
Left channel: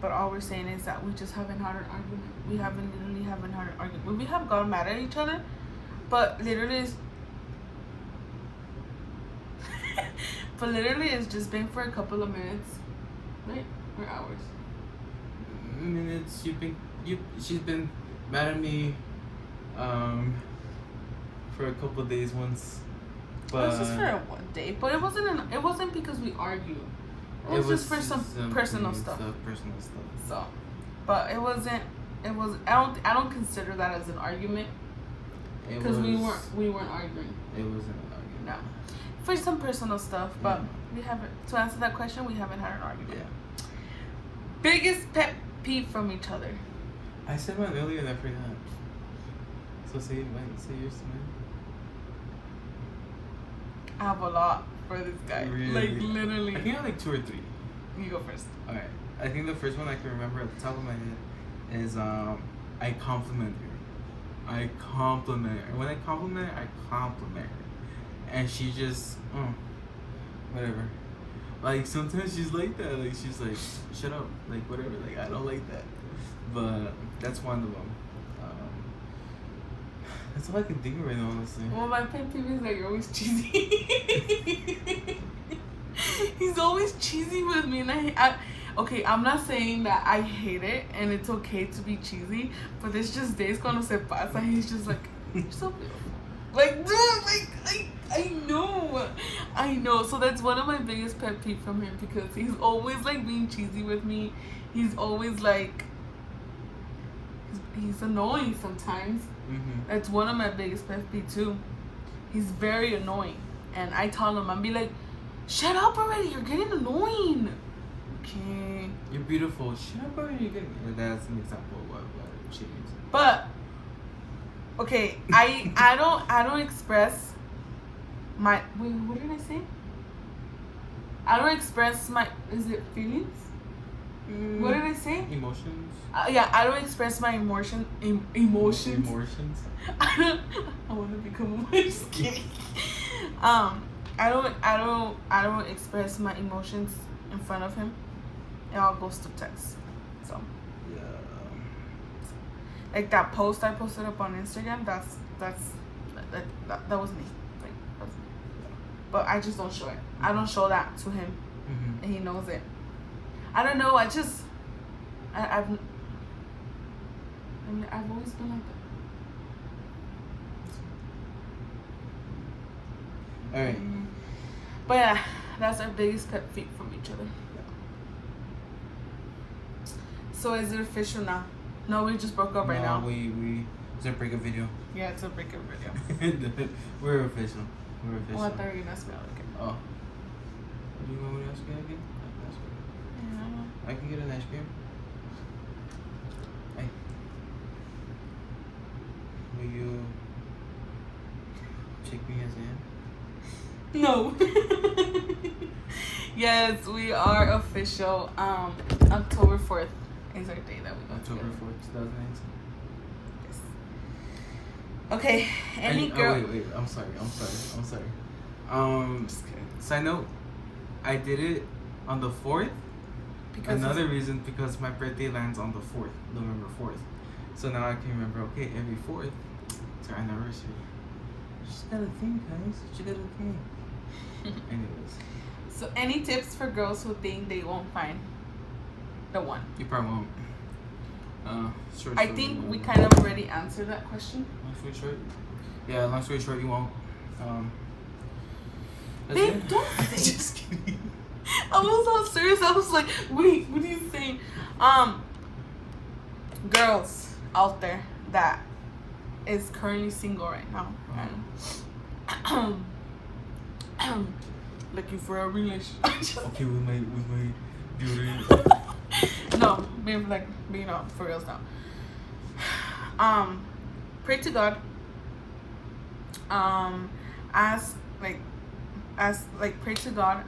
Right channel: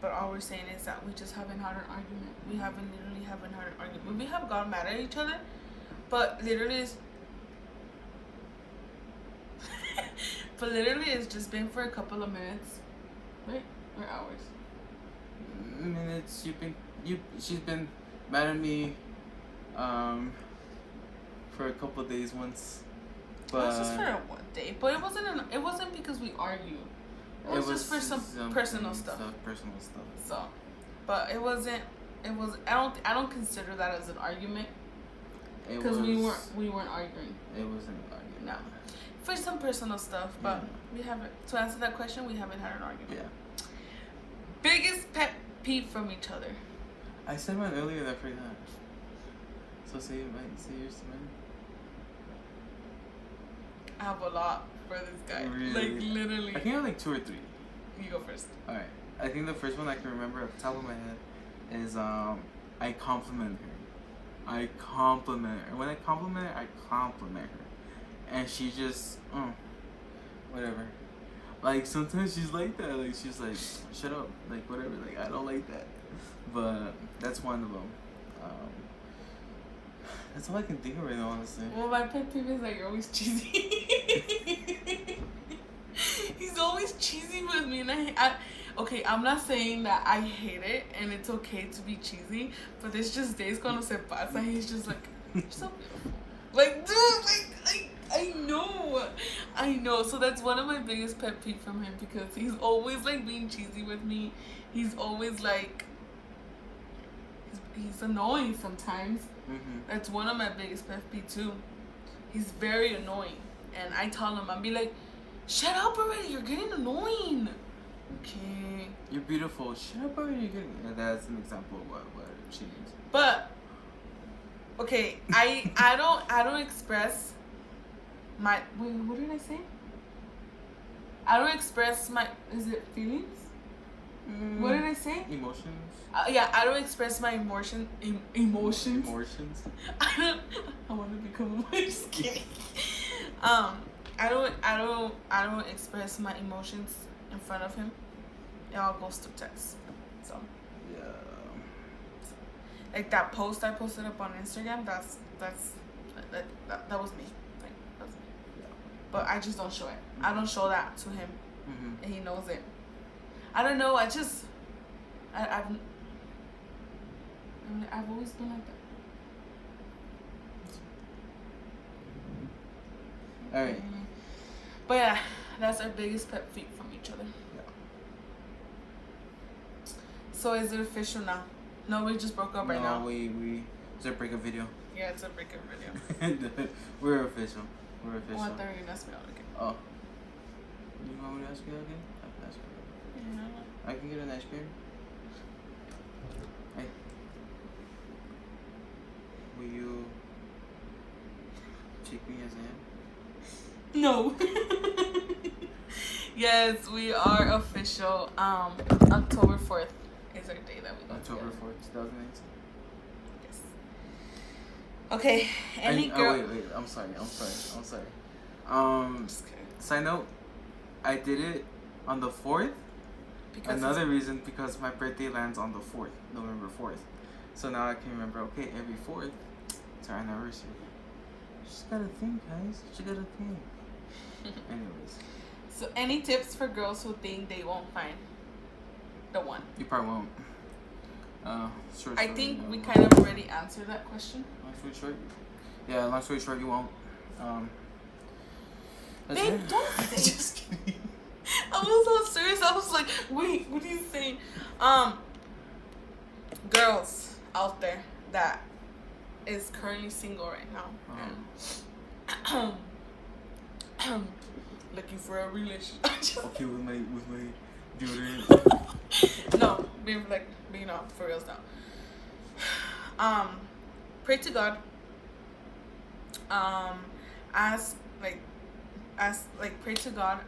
But all we're saying is that we just haven't had an argument. We literally haven't had an argument. We have gone mad at each other, but literally it's just been for a couple of minutes, right? Or hours. Minutes. She's been mad at me for a couple of days once. But it was just for one day, but it wasn't because we argued. It was just for some personal stuff. So, but it wasn't. It was. I don't consider that as an argument. Because we weren't arguing. It wasn't an argument. No, for some personal stuff, but we haven't. To answer that question, we haven't had an argument. Yeah. Biggest pet peeve from each other. I said one earlier and I forgot. So say yours to me. I have a lot for this guy. Really? Like literally. I think I have like 2 or 3. You go first. Alright. I think the first one I can remember at the top of my head is I compliment her. I compliment her. When I compliment her, I compliment her. And she just whatever. Like sometimes she's like that. Like she's like, shut up. Like whatever. Like I don't like that. But that's one of them. That's all I can think of right now, honestly. Well, my pet peeve is that you're always cheesy. He's always cheesy with me, and I okay, I'm not saying that I hate it and it's okay to be cheesy, but there's just days cuando se pasa. He's just like, you're so beautiful. Like, dude, I know. So that's one of my biggest pet peeve from him, because he's always like being cheesy with me. He's always like, he's annoying sometimes. Mm-hmm. That's one of my biggest pet peeve too. He's very annoying, and I tell him, I'll be like, shut up already, you're getting annoying. Okay. You're beautiful. Shut up already. You're getting... That's an example of what she means. But okay, I don't express my what did I say? I don't express my feelings? What did I say? Emotions. Yeah, I don't express my emotions. Emotions. I want to become more skinny. I don't express my emotions in front of him. It all goes to text. So yeah. Like that post I posted up on Instagram. That was me. Like that's me. But I just don't show it. I don't show that to him, and he knows it. I don't know. I've always been like that. All right. But yeah, that's our biggest pet peeve from each other. Yeah. So is it official now? No, we just broke up right now. It's a breakup video. Yeah, it's a breakup video. We're official. Oh, I thought you were gonna ask me out again. Oh. Do you want me to ask you again? I can ask you. Yeah. I can get an ice cream. Hey. Will you take me as I am? No. Yes, we are official. October 4th is our day that we got October together. 4th, 2019. Yes. Okay. Any girl. Oh, wait. I'm sorry. Just kidding. Side note, I did it on the 4th. Because Another reason, because my birthday lands on the 4th, November 4th. So now I can remember, okay, every 4th, it's our anniversary. You just gotta think, guys. You gotta think. Anyways. So any tips for girls who think they won't find the one. You probably won't. I think we kind of already answered that question. Long story short, yeah. Long story short, you won't. Babe, don't say. Just kidding. I was all serious. I was like, wait, what are you saying? Girls out there that is currently single right now and looking for a relationship. Okay, with my beauty. No, being for reals now. Pray to God. Pray to God,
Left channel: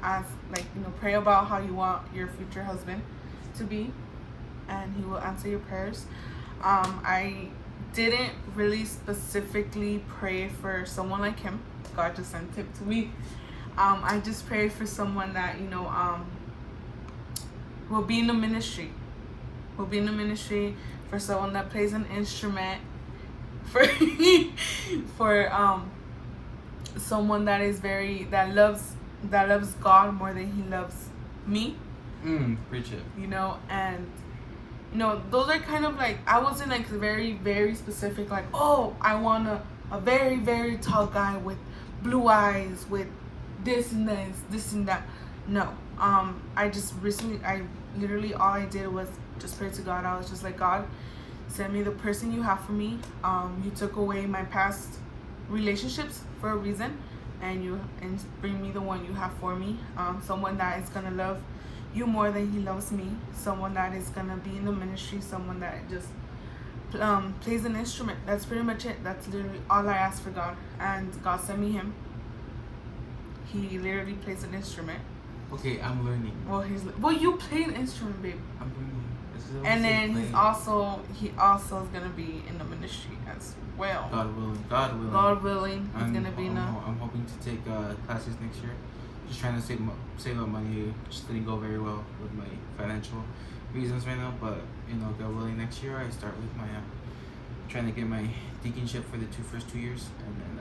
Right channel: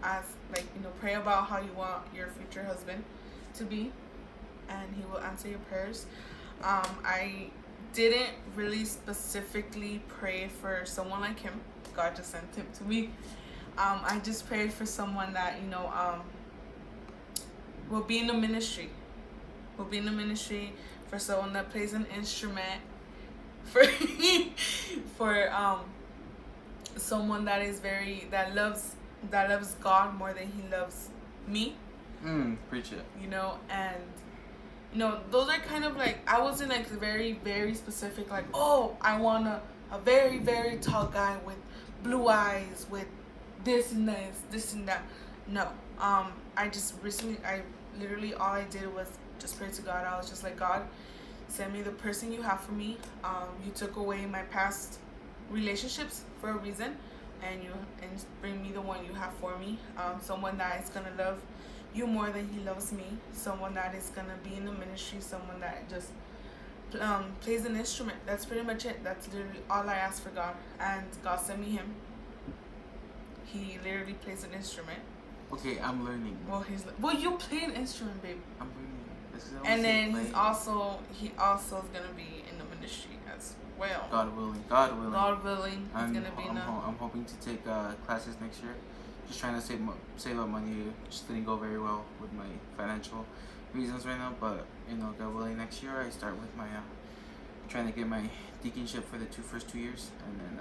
pray about how you want your future husband to be, and he will answer your prayers. I didn't really specifically pray for someone like him. God just sent him to me. I just prayed for someone that, will be in the ministry. Will be in the ministry, for someone that plays an instrument, for someone that is that loves God more than he loves me. Preach it. And those are kind of like, I wasn't like very, very specific, like, oh, I want a very, very tall guy with blue eyes, with this and this and that. No. I literally, all I did was just pray to God. I was just like, God, send me the person you have for me. You took away my past relationships for a reason, and bring me the one you have for me. Someone that is gonna love you more than he loves me. Someone that is gonna be in the ministry. Someone that just plays an instrument. That's pretty much it. That's literally all I asked for God, and God sent me him. He literally plays an instrument. Okay, I'm learning. Well, you play an instrument, babe. I'm learning. And then he also is gonna be in the ministry as well. God willing. God willing, he's gonna be in I'm hoping to take classes next year. Just trying to save up money. Just didn't go very well with my financial reasons right now, but God willing, next year I start with my trying to get my deaconship for the first 2 years, and then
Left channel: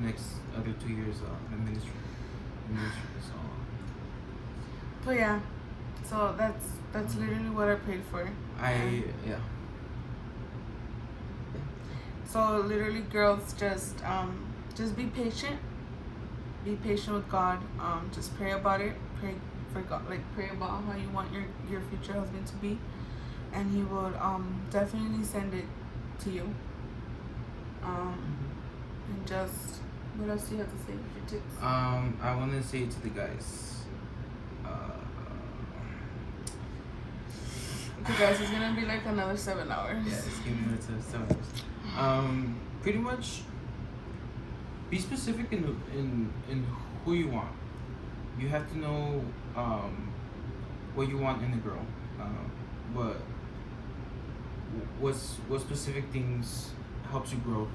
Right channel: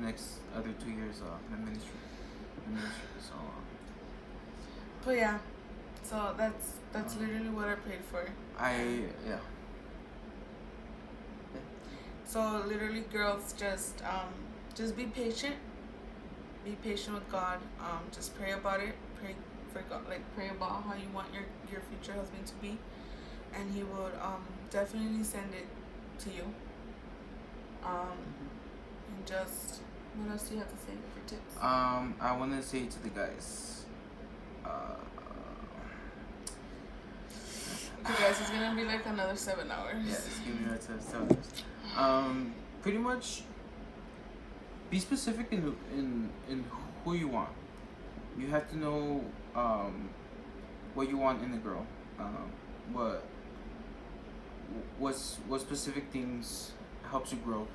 next other 2 years in ministry. So. But yeah, so that's literally what I prayed for. Yeah. So literally, girls, just be patient. Be patient with God. Just pray about it. Pray for God. Pray about how you want your future husband to be, and he will definitely send it to you. And just, what else do you have to say for tips? I want to say to the guys. Okay, guys, it's gonna be like another 7 hours. Yeah, it's gonna be another 7 hours. Pretty much, be specific in who you want. You have to know what you want in a girl. What specific things helps you grow.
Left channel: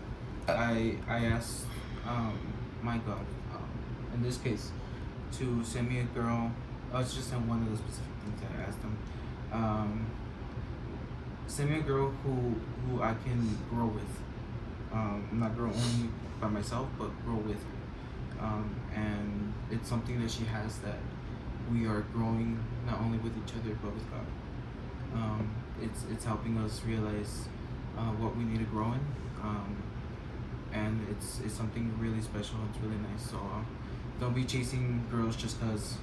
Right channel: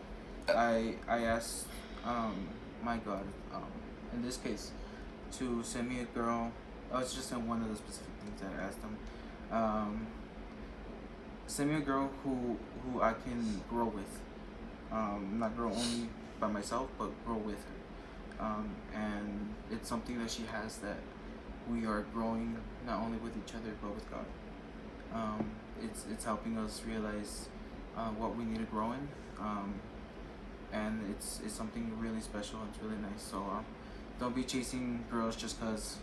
I asked my God, in this case, to send me a girl. It's just one of the specific things I asked him. Send me a girl who I can grow with. Not grow only by myself, but grow with her. And it's something that she has, that we are growing not only with each other but with God. It's helping us realize what we need to grow in. And it's something really special. It's really nice. So don't be chasing girls just because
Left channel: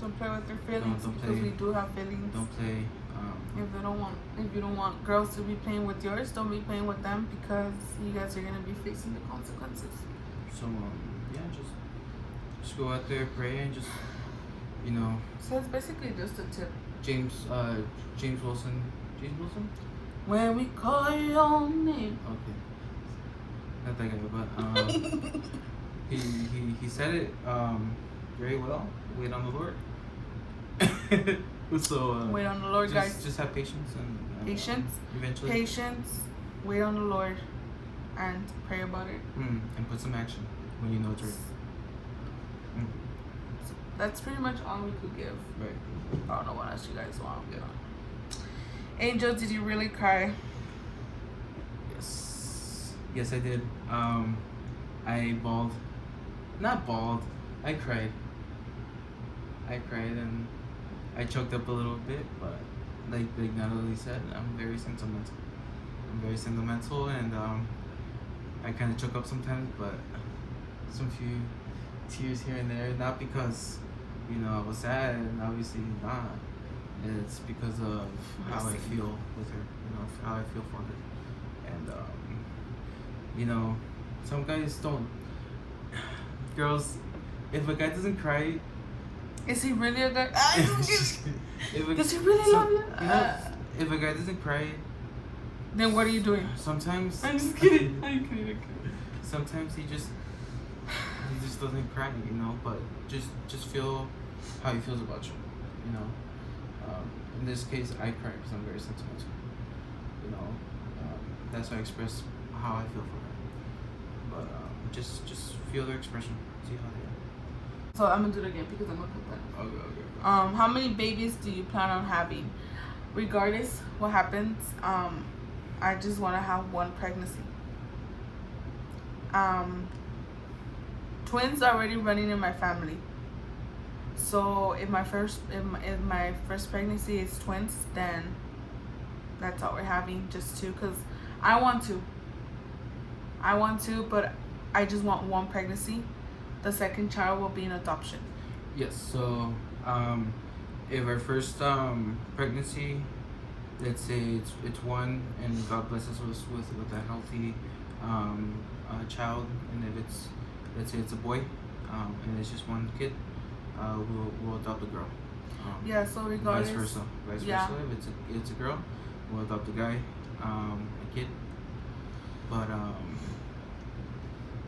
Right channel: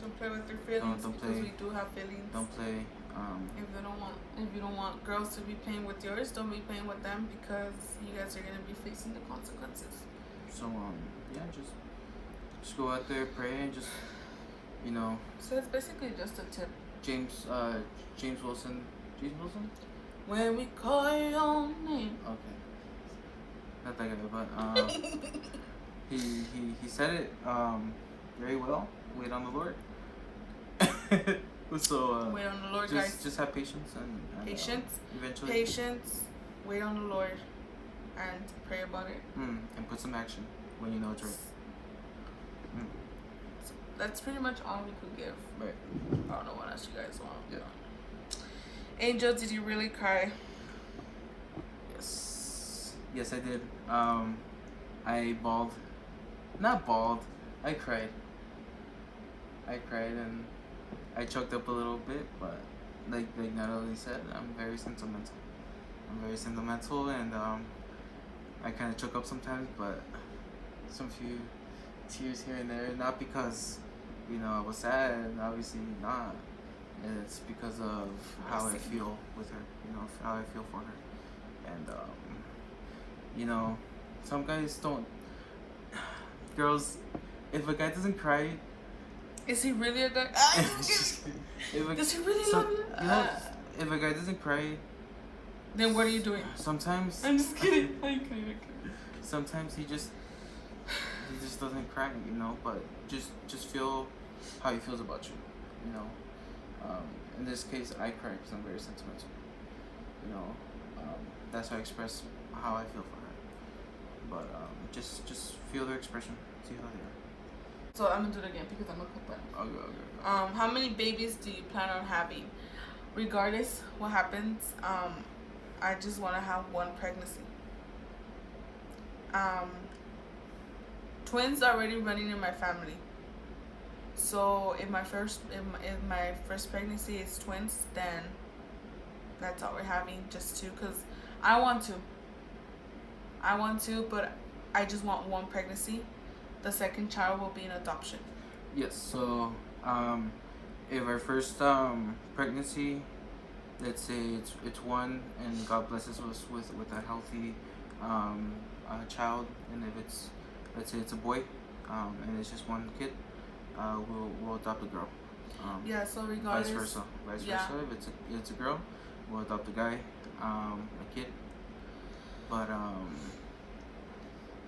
don't play with their feelings, because we do have feelings. Don't play. If you don't want girls to be playing with yours, don't be playing with them, because you guys are gonna be facing the consequences. So just go out there, pray, and just So it's basically just a tip. James Wilson. When we call your name. Okay. Not that guy, but he said it very well. Wait on the Lord. So wait on the Lord, guys. Just have patience and eventually. Patience. Wait on the Lord, and pray about it. And put some action when you know it's right. So that's pretty much all we could give. Right. I don't know what else you guys want. Yeah. Angel, did you really cry? Yes, I did. I bawled. Not bawled. I cried. And I choked up a little bit, but like Natalie said, I'm very sentimental. And I kind of choke up sometimes, but some few tears here and there. Not because I was sad, and obviously not. It's because of how I feel with her. How I feel for her, and some guys don't. Girls, if a guy doesn't cry, is he really a guy? Does he really love you? If a guy doesn't cry, then what are you doing? Sometimes I'm just kidding. I'm kidding. Sometimes he just doesn't cry, but just feel how he feels about you, in this case, I cry because I'm very sentimental, that's how I express how I feel for her, but just feel their expression, see how they are. So I'm gonna do it again because I'm gonna put that. Okay. How many babies do you plan on having? Regardless what happens, I just want to have one pregnancy. Twins are already running in my family. So if my first pregnancy is twins, then that's all we're having, just two, because I want to, but I just want one pregnancy. The second child will be an adoption. Yes. So if our first pregnancy, let's say it's one, and God blesses us with a healthy child, and if let's say it's a boy, and it's just one kid, we'll adopt a girl. So regardless. Vice versa. If it's a girl, we'll adopt a guy, a kid. But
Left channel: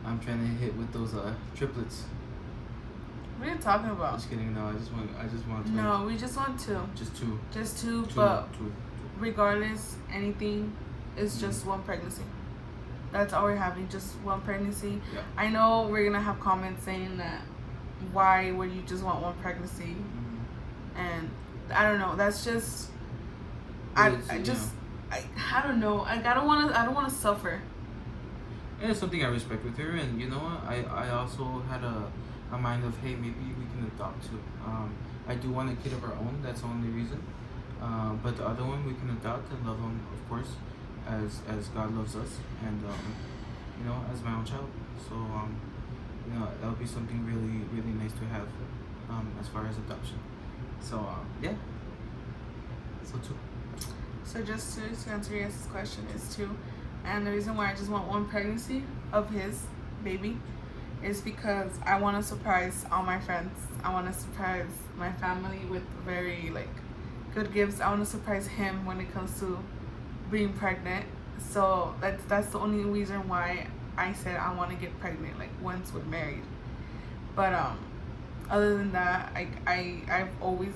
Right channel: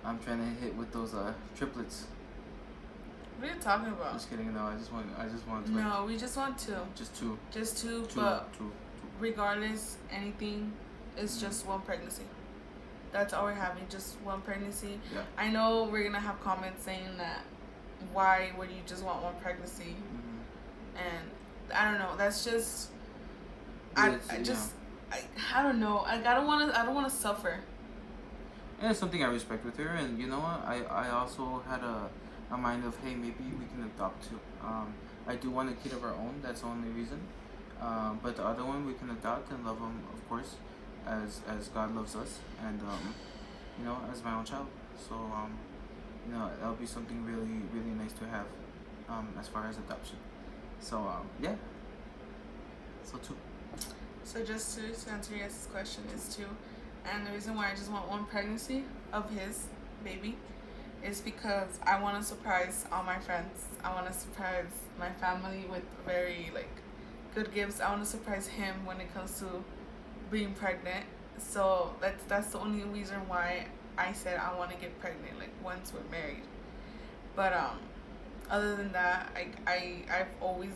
I'm trying to hit with those triplets. What are you talking about? Just kidding. No, I just want. No, we just want two. Just two. Just two. But regardless, anything is just one pregnancy. That's all we're having, just one pregnancy. Yeah. I know we're gonna have comments saying that why would you just want one pregnancy, and I don't know. That's just I don't know. I don't want to suffer. And it's something I respect with her, and you know what? I also had a mind of, hey, maybe we can adopt too. I do want a kid of our own. That's the only reason. But the other one we can adopt and love them, of course, as God loves us, and as my own child. So that'll be something really, really nice to have, as far as adoption. So yeah. So two. So just to answer your question is two, and the reason why I just want one pregnancy of his baby is because I want to surprise all my friends. I want to surprise my family with very good gifts. I want to surprise him when it comes to being pregnant. So that's the only reason why I said I want to get pregnant once we're married. But other than that, I've always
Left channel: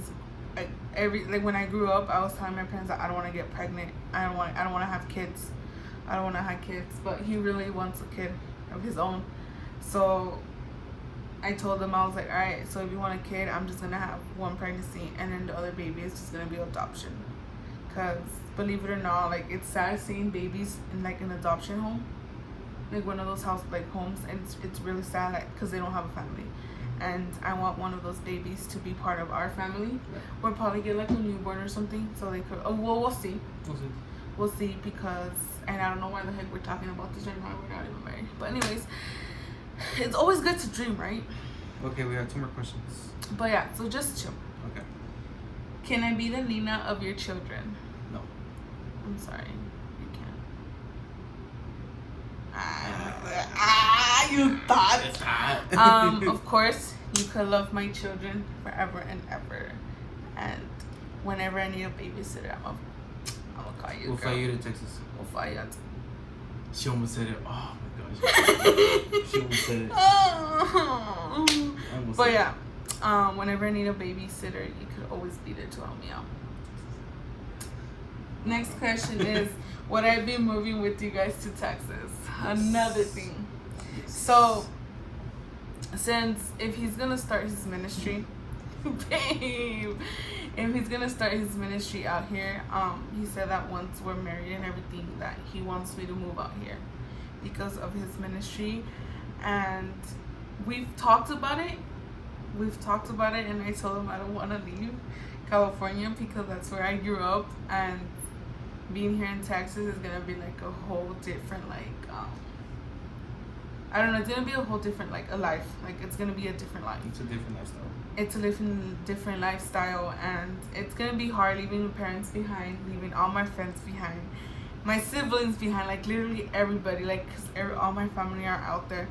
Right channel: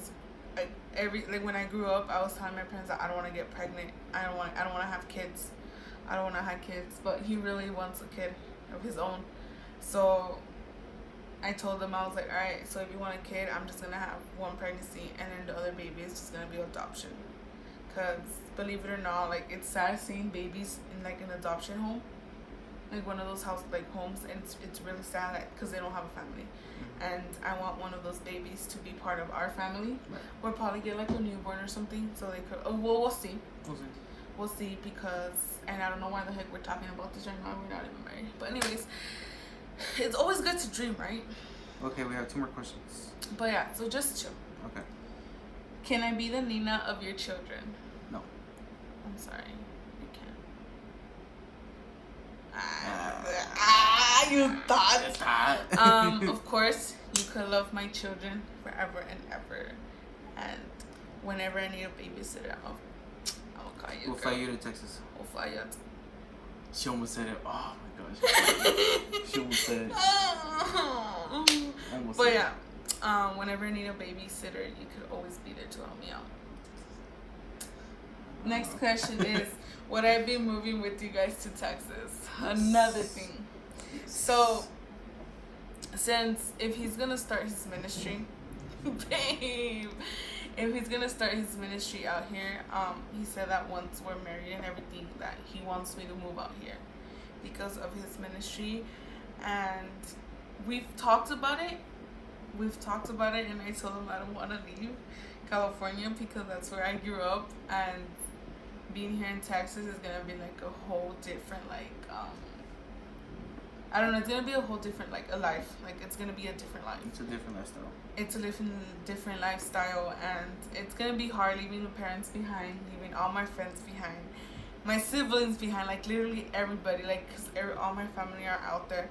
when I grew up, I was telling my parents that I don't want to get pregnant. I don't want to have kids. I don't want to have kids. But he really wants a kid of his own. So I told him, I was like, all right, so if you want a kid, I'm just going to have one pregnancy, and then the other baby is just going to be adoption. Because believe it or not, it's sad seeing babies in an adoption home, one of those homes, and it's really sad because they don't have a family. And I want one of those babies to be part of our family. We'll probably get a newborn or something, so they could. Oh, well, we'll see. We'll see, because, and I don't know why the heck we're talking about this right now. We're not even married. But anyways, it's always good to dream, right? Okay, we have 2 more questions. But yeah, so just 2. Okay. Can I be the Nina of your children? No. I'm sorry. You can't. You thought. Of course, you could love my children forever and ever. And whenever I need a babysitter, I'm gonna call you. We'll fly you to Texas. We'll fly you out. She almost said it. Oh my gosh. She almost said it. But yeah, whenever I need a babysitter, you could always be there to help me out. Next question is, would I be moving with you guys to Texas? Another thing. So, since if he's gonna start his ministry, babe, if he's gonna start his ministry out here, he said that once we're married and everything, that he wants me to move out here because of his ministry. And we've talked about it, and I told him I don't want to leave California because that's where I grew up, and being here in Texas is gonna be like a whole different I don't know, it's gonna be a whole different a life. Like it's gonna be a different life. It's a different lifestyle. It's a different lifestyle, and it's gonna be hard leaving my parents behind, leaving all my friends behind, my siblings behind, like literally everybody, like because all my family are out there.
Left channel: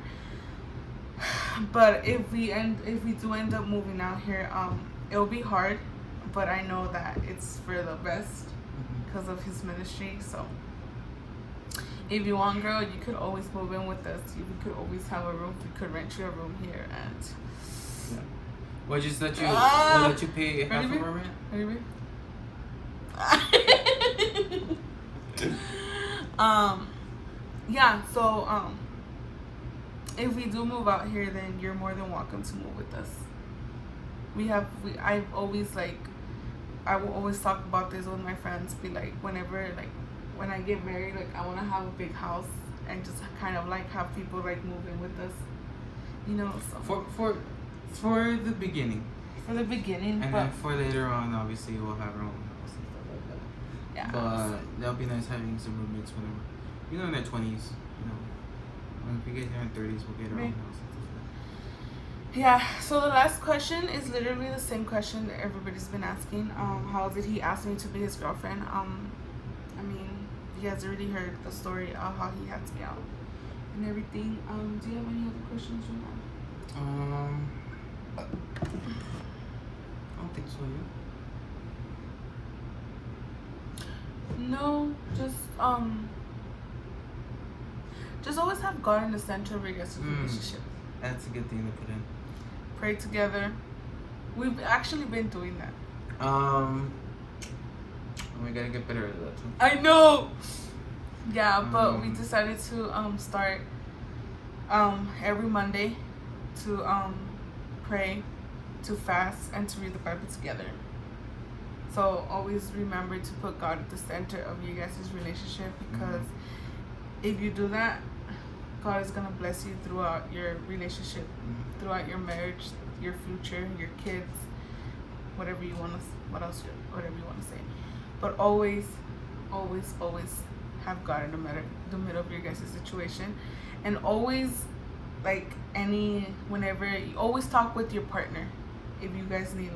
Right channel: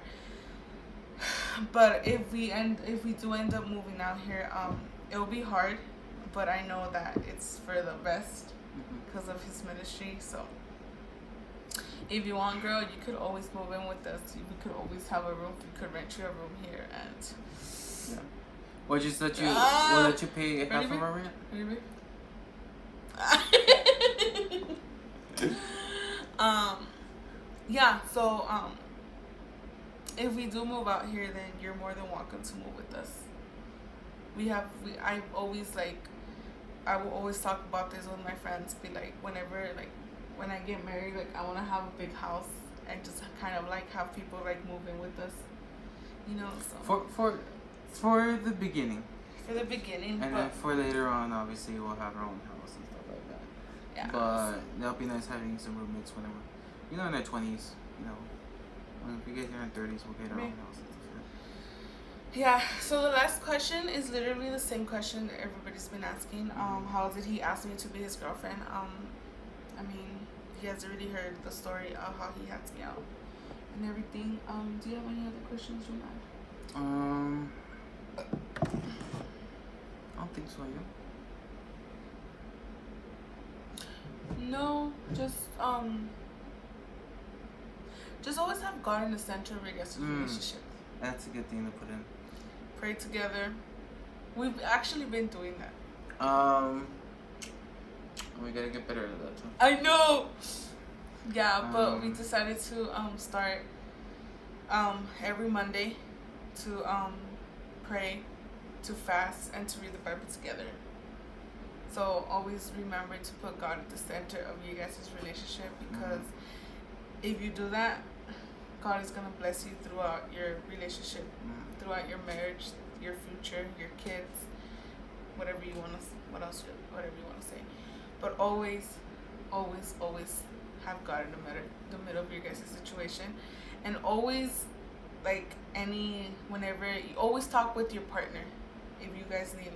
But if we do end up moving out here, it'll be hard, but I know that it's for the best because of his ministry. So if you want, girl, you could always move in with us. We could always have a room. We could rent you a room here, and We'll just let you. We'll let you pay half of our rent. Yeah. So if we do move out here, then you're more than welcome to move with us. I will always talk about this with my friends. Be like, whenever when I get married, like I want to have a big house and just kind of like have people like move in with us, you know. So for the beginning. For the beginning, and then for later on, obviously we'll have our own house and stuff like that. Yeah. But that'll be nice having some roommates whenever, in their 20s, When we get in our 30s, we'll get our own house and stuff like that. Yeah. So the last question is literally the same question that everybody's been asking. How did he ask me to be his girlfriend? I mean, you guys already heard the story of how he had me out and everything. Do you have any other questions right now? I don't think so, yeah. No, just always have God in the center of your guys' relationship. That's a good thing to put in. Pray together. We've actually been doing that. We gotta get better at that too. I know. Yeah, but we decided to start every Monday to pray, to fast, and to read the Bible together. So always remember to put God at the center of you guys' relationship, because if you do that, God is gonna bless you throughout your relationship, throughout your marriage, your future, your kids, whatever you wanna say. But always have God in the middle of your guys' situation, and always whenever you always talk with your partner if you guys need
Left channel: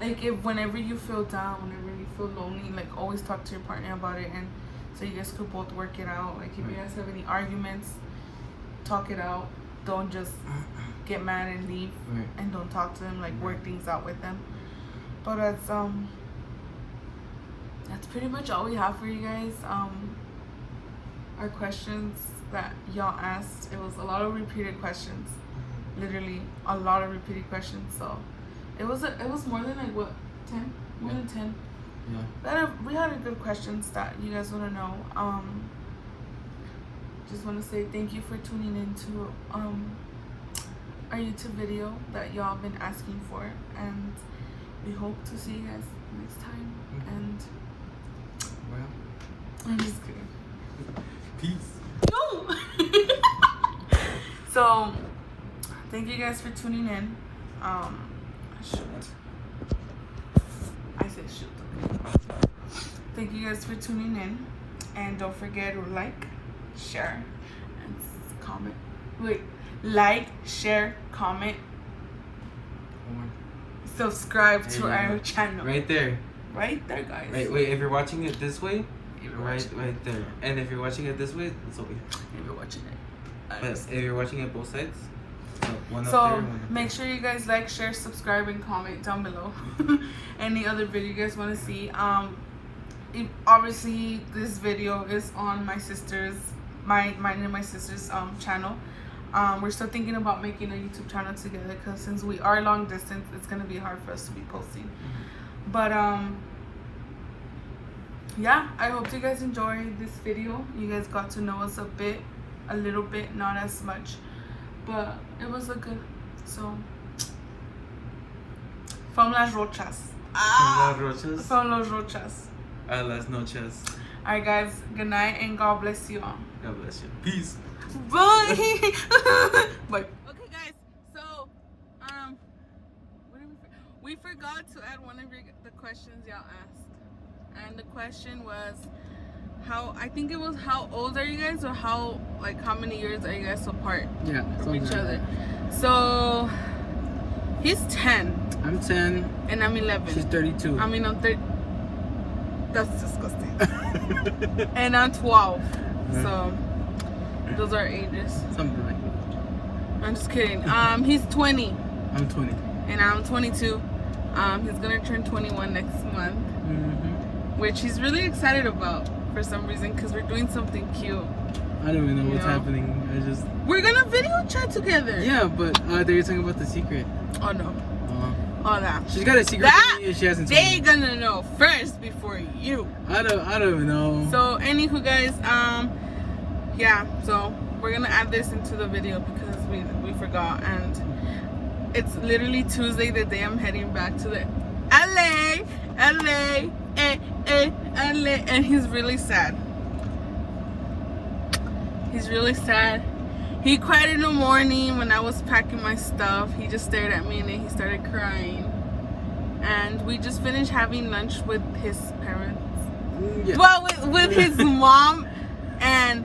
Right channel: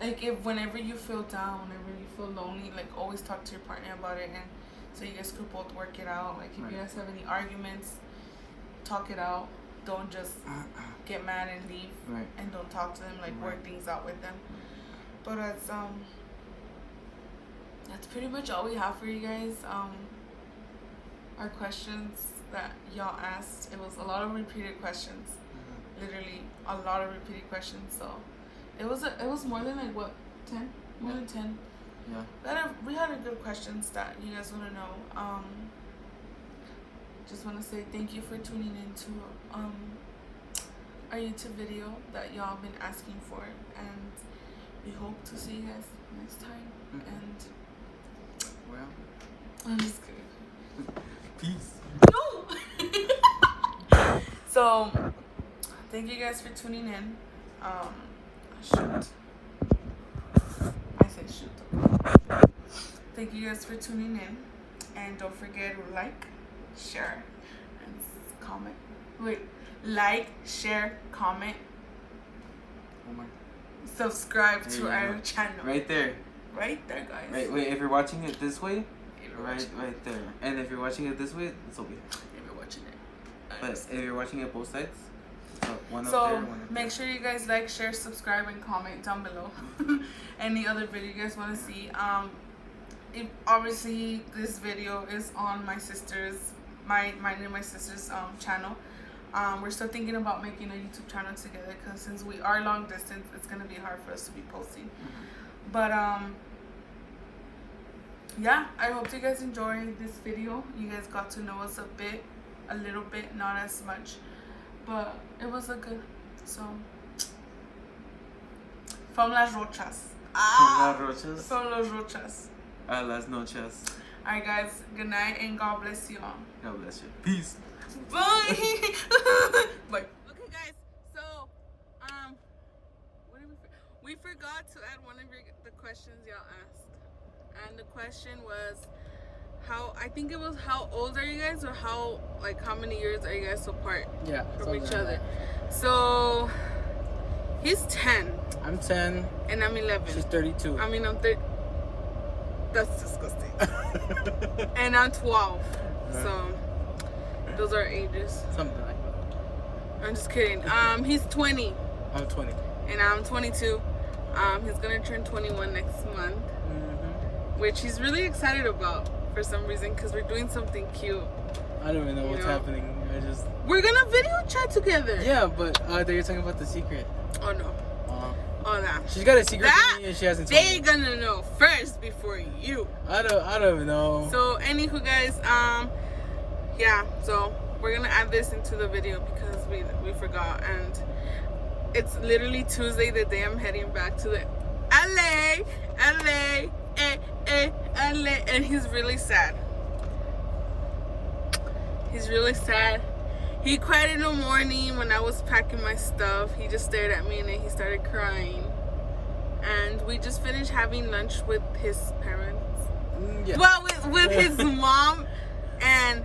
if whenever you feel down, whenever you feel lonely, always talk to your partner about it, and so you guys could both work it out. If you guys have any arguments, talk it out. Don't just get mad and leave, and don't talk to them. Work things out with them. But that's pretty much all we have for you guys. Our questions that y'all asked, it was a lot of repeated questions, literally a lot of repeated questions. So it was more than 10, more than 10. Yeah. We had a good questions that you guys want to know. Just want to say thank you for tuning into our YouTube video that y'all been asking for, and we hope to see you guys next time. And I'm just kidding. Peace. No. So thank you guys for tuning in. Thank you guys for tuning in, and don't forget to like, share, and comment. Like, share, comment, subscribe to our channel. Right there, guys. Wait. If you're watching it this way, right there. And if you're watching it this way, it's over here. If you're watching it. But if you're watching it both sides, one so up there, one up make sure you guys like, share, subscribe, and comment down below. Any other video you guys want to see. Obviously this video is on my sister's mine and my sister's channel. We're still thinking about making a YouTube channel together, because since we are long distance, it's gonna be hard for us to be posting. But yeah, I hope you guys enjoyed this video. You guys got to know us a little bit, not as much, but it was a good. So from Las Rochas. From Las Rochas. Las noches. Alright guys, good night and God bless you all. God bless you. Peace. Bye. Bye. Okay guys, so we forgot to add one of the questions y'all asked. And the question was, I think it was how old are you guys, or how many years are you guys apart from each other? So he's 10. I'm 10. And I'm 11. She's 32. I mean, I'm 30. That's disgusting. And I'm 12. Mm-hmm. So those are ages. Something like that. I'm just kidding. He's 20. I'm 20. And I'm 22. He's gonna turn 21 next month. Mm-hmm. Which he's really excited about for some reason, because we're doing something cute. I don't even know what's happening. We're gonna video chat together. Yeah, but they're talking about the secret. Oh no. All that. She's got a secret from me and she hasn't told me. They're gonna know first before you. I don't even know. So anywho guys, yeah, so we're gonna add this into the video because we forgot, and it's literally Tuesday, the day I'm heading back to the LA, and he's really sad. He's really sad. He cried in the morning when I was packing my stuff. He just stared at me and then he started crying. And we just finished having lunch with his parents. Yeah. Well, with his mom and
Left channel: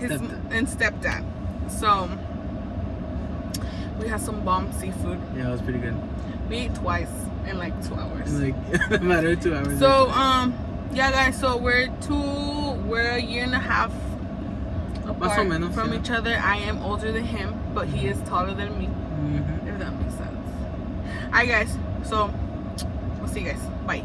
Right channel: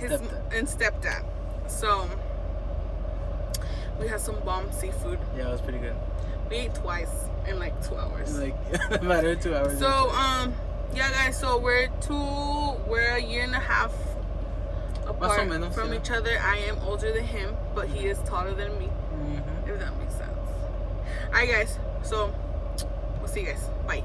stepdad. So we had some bomb seafood. Yeah, it was pretty good. We ate twice in like 2 hours. In a matter of 2 hours. So yeah guys, so we're a year and a half apart from each other. I am older than him, but he is taller than me. Mm-hmm. If that makes sense. Alright guys, so we'll see you guys. Bye.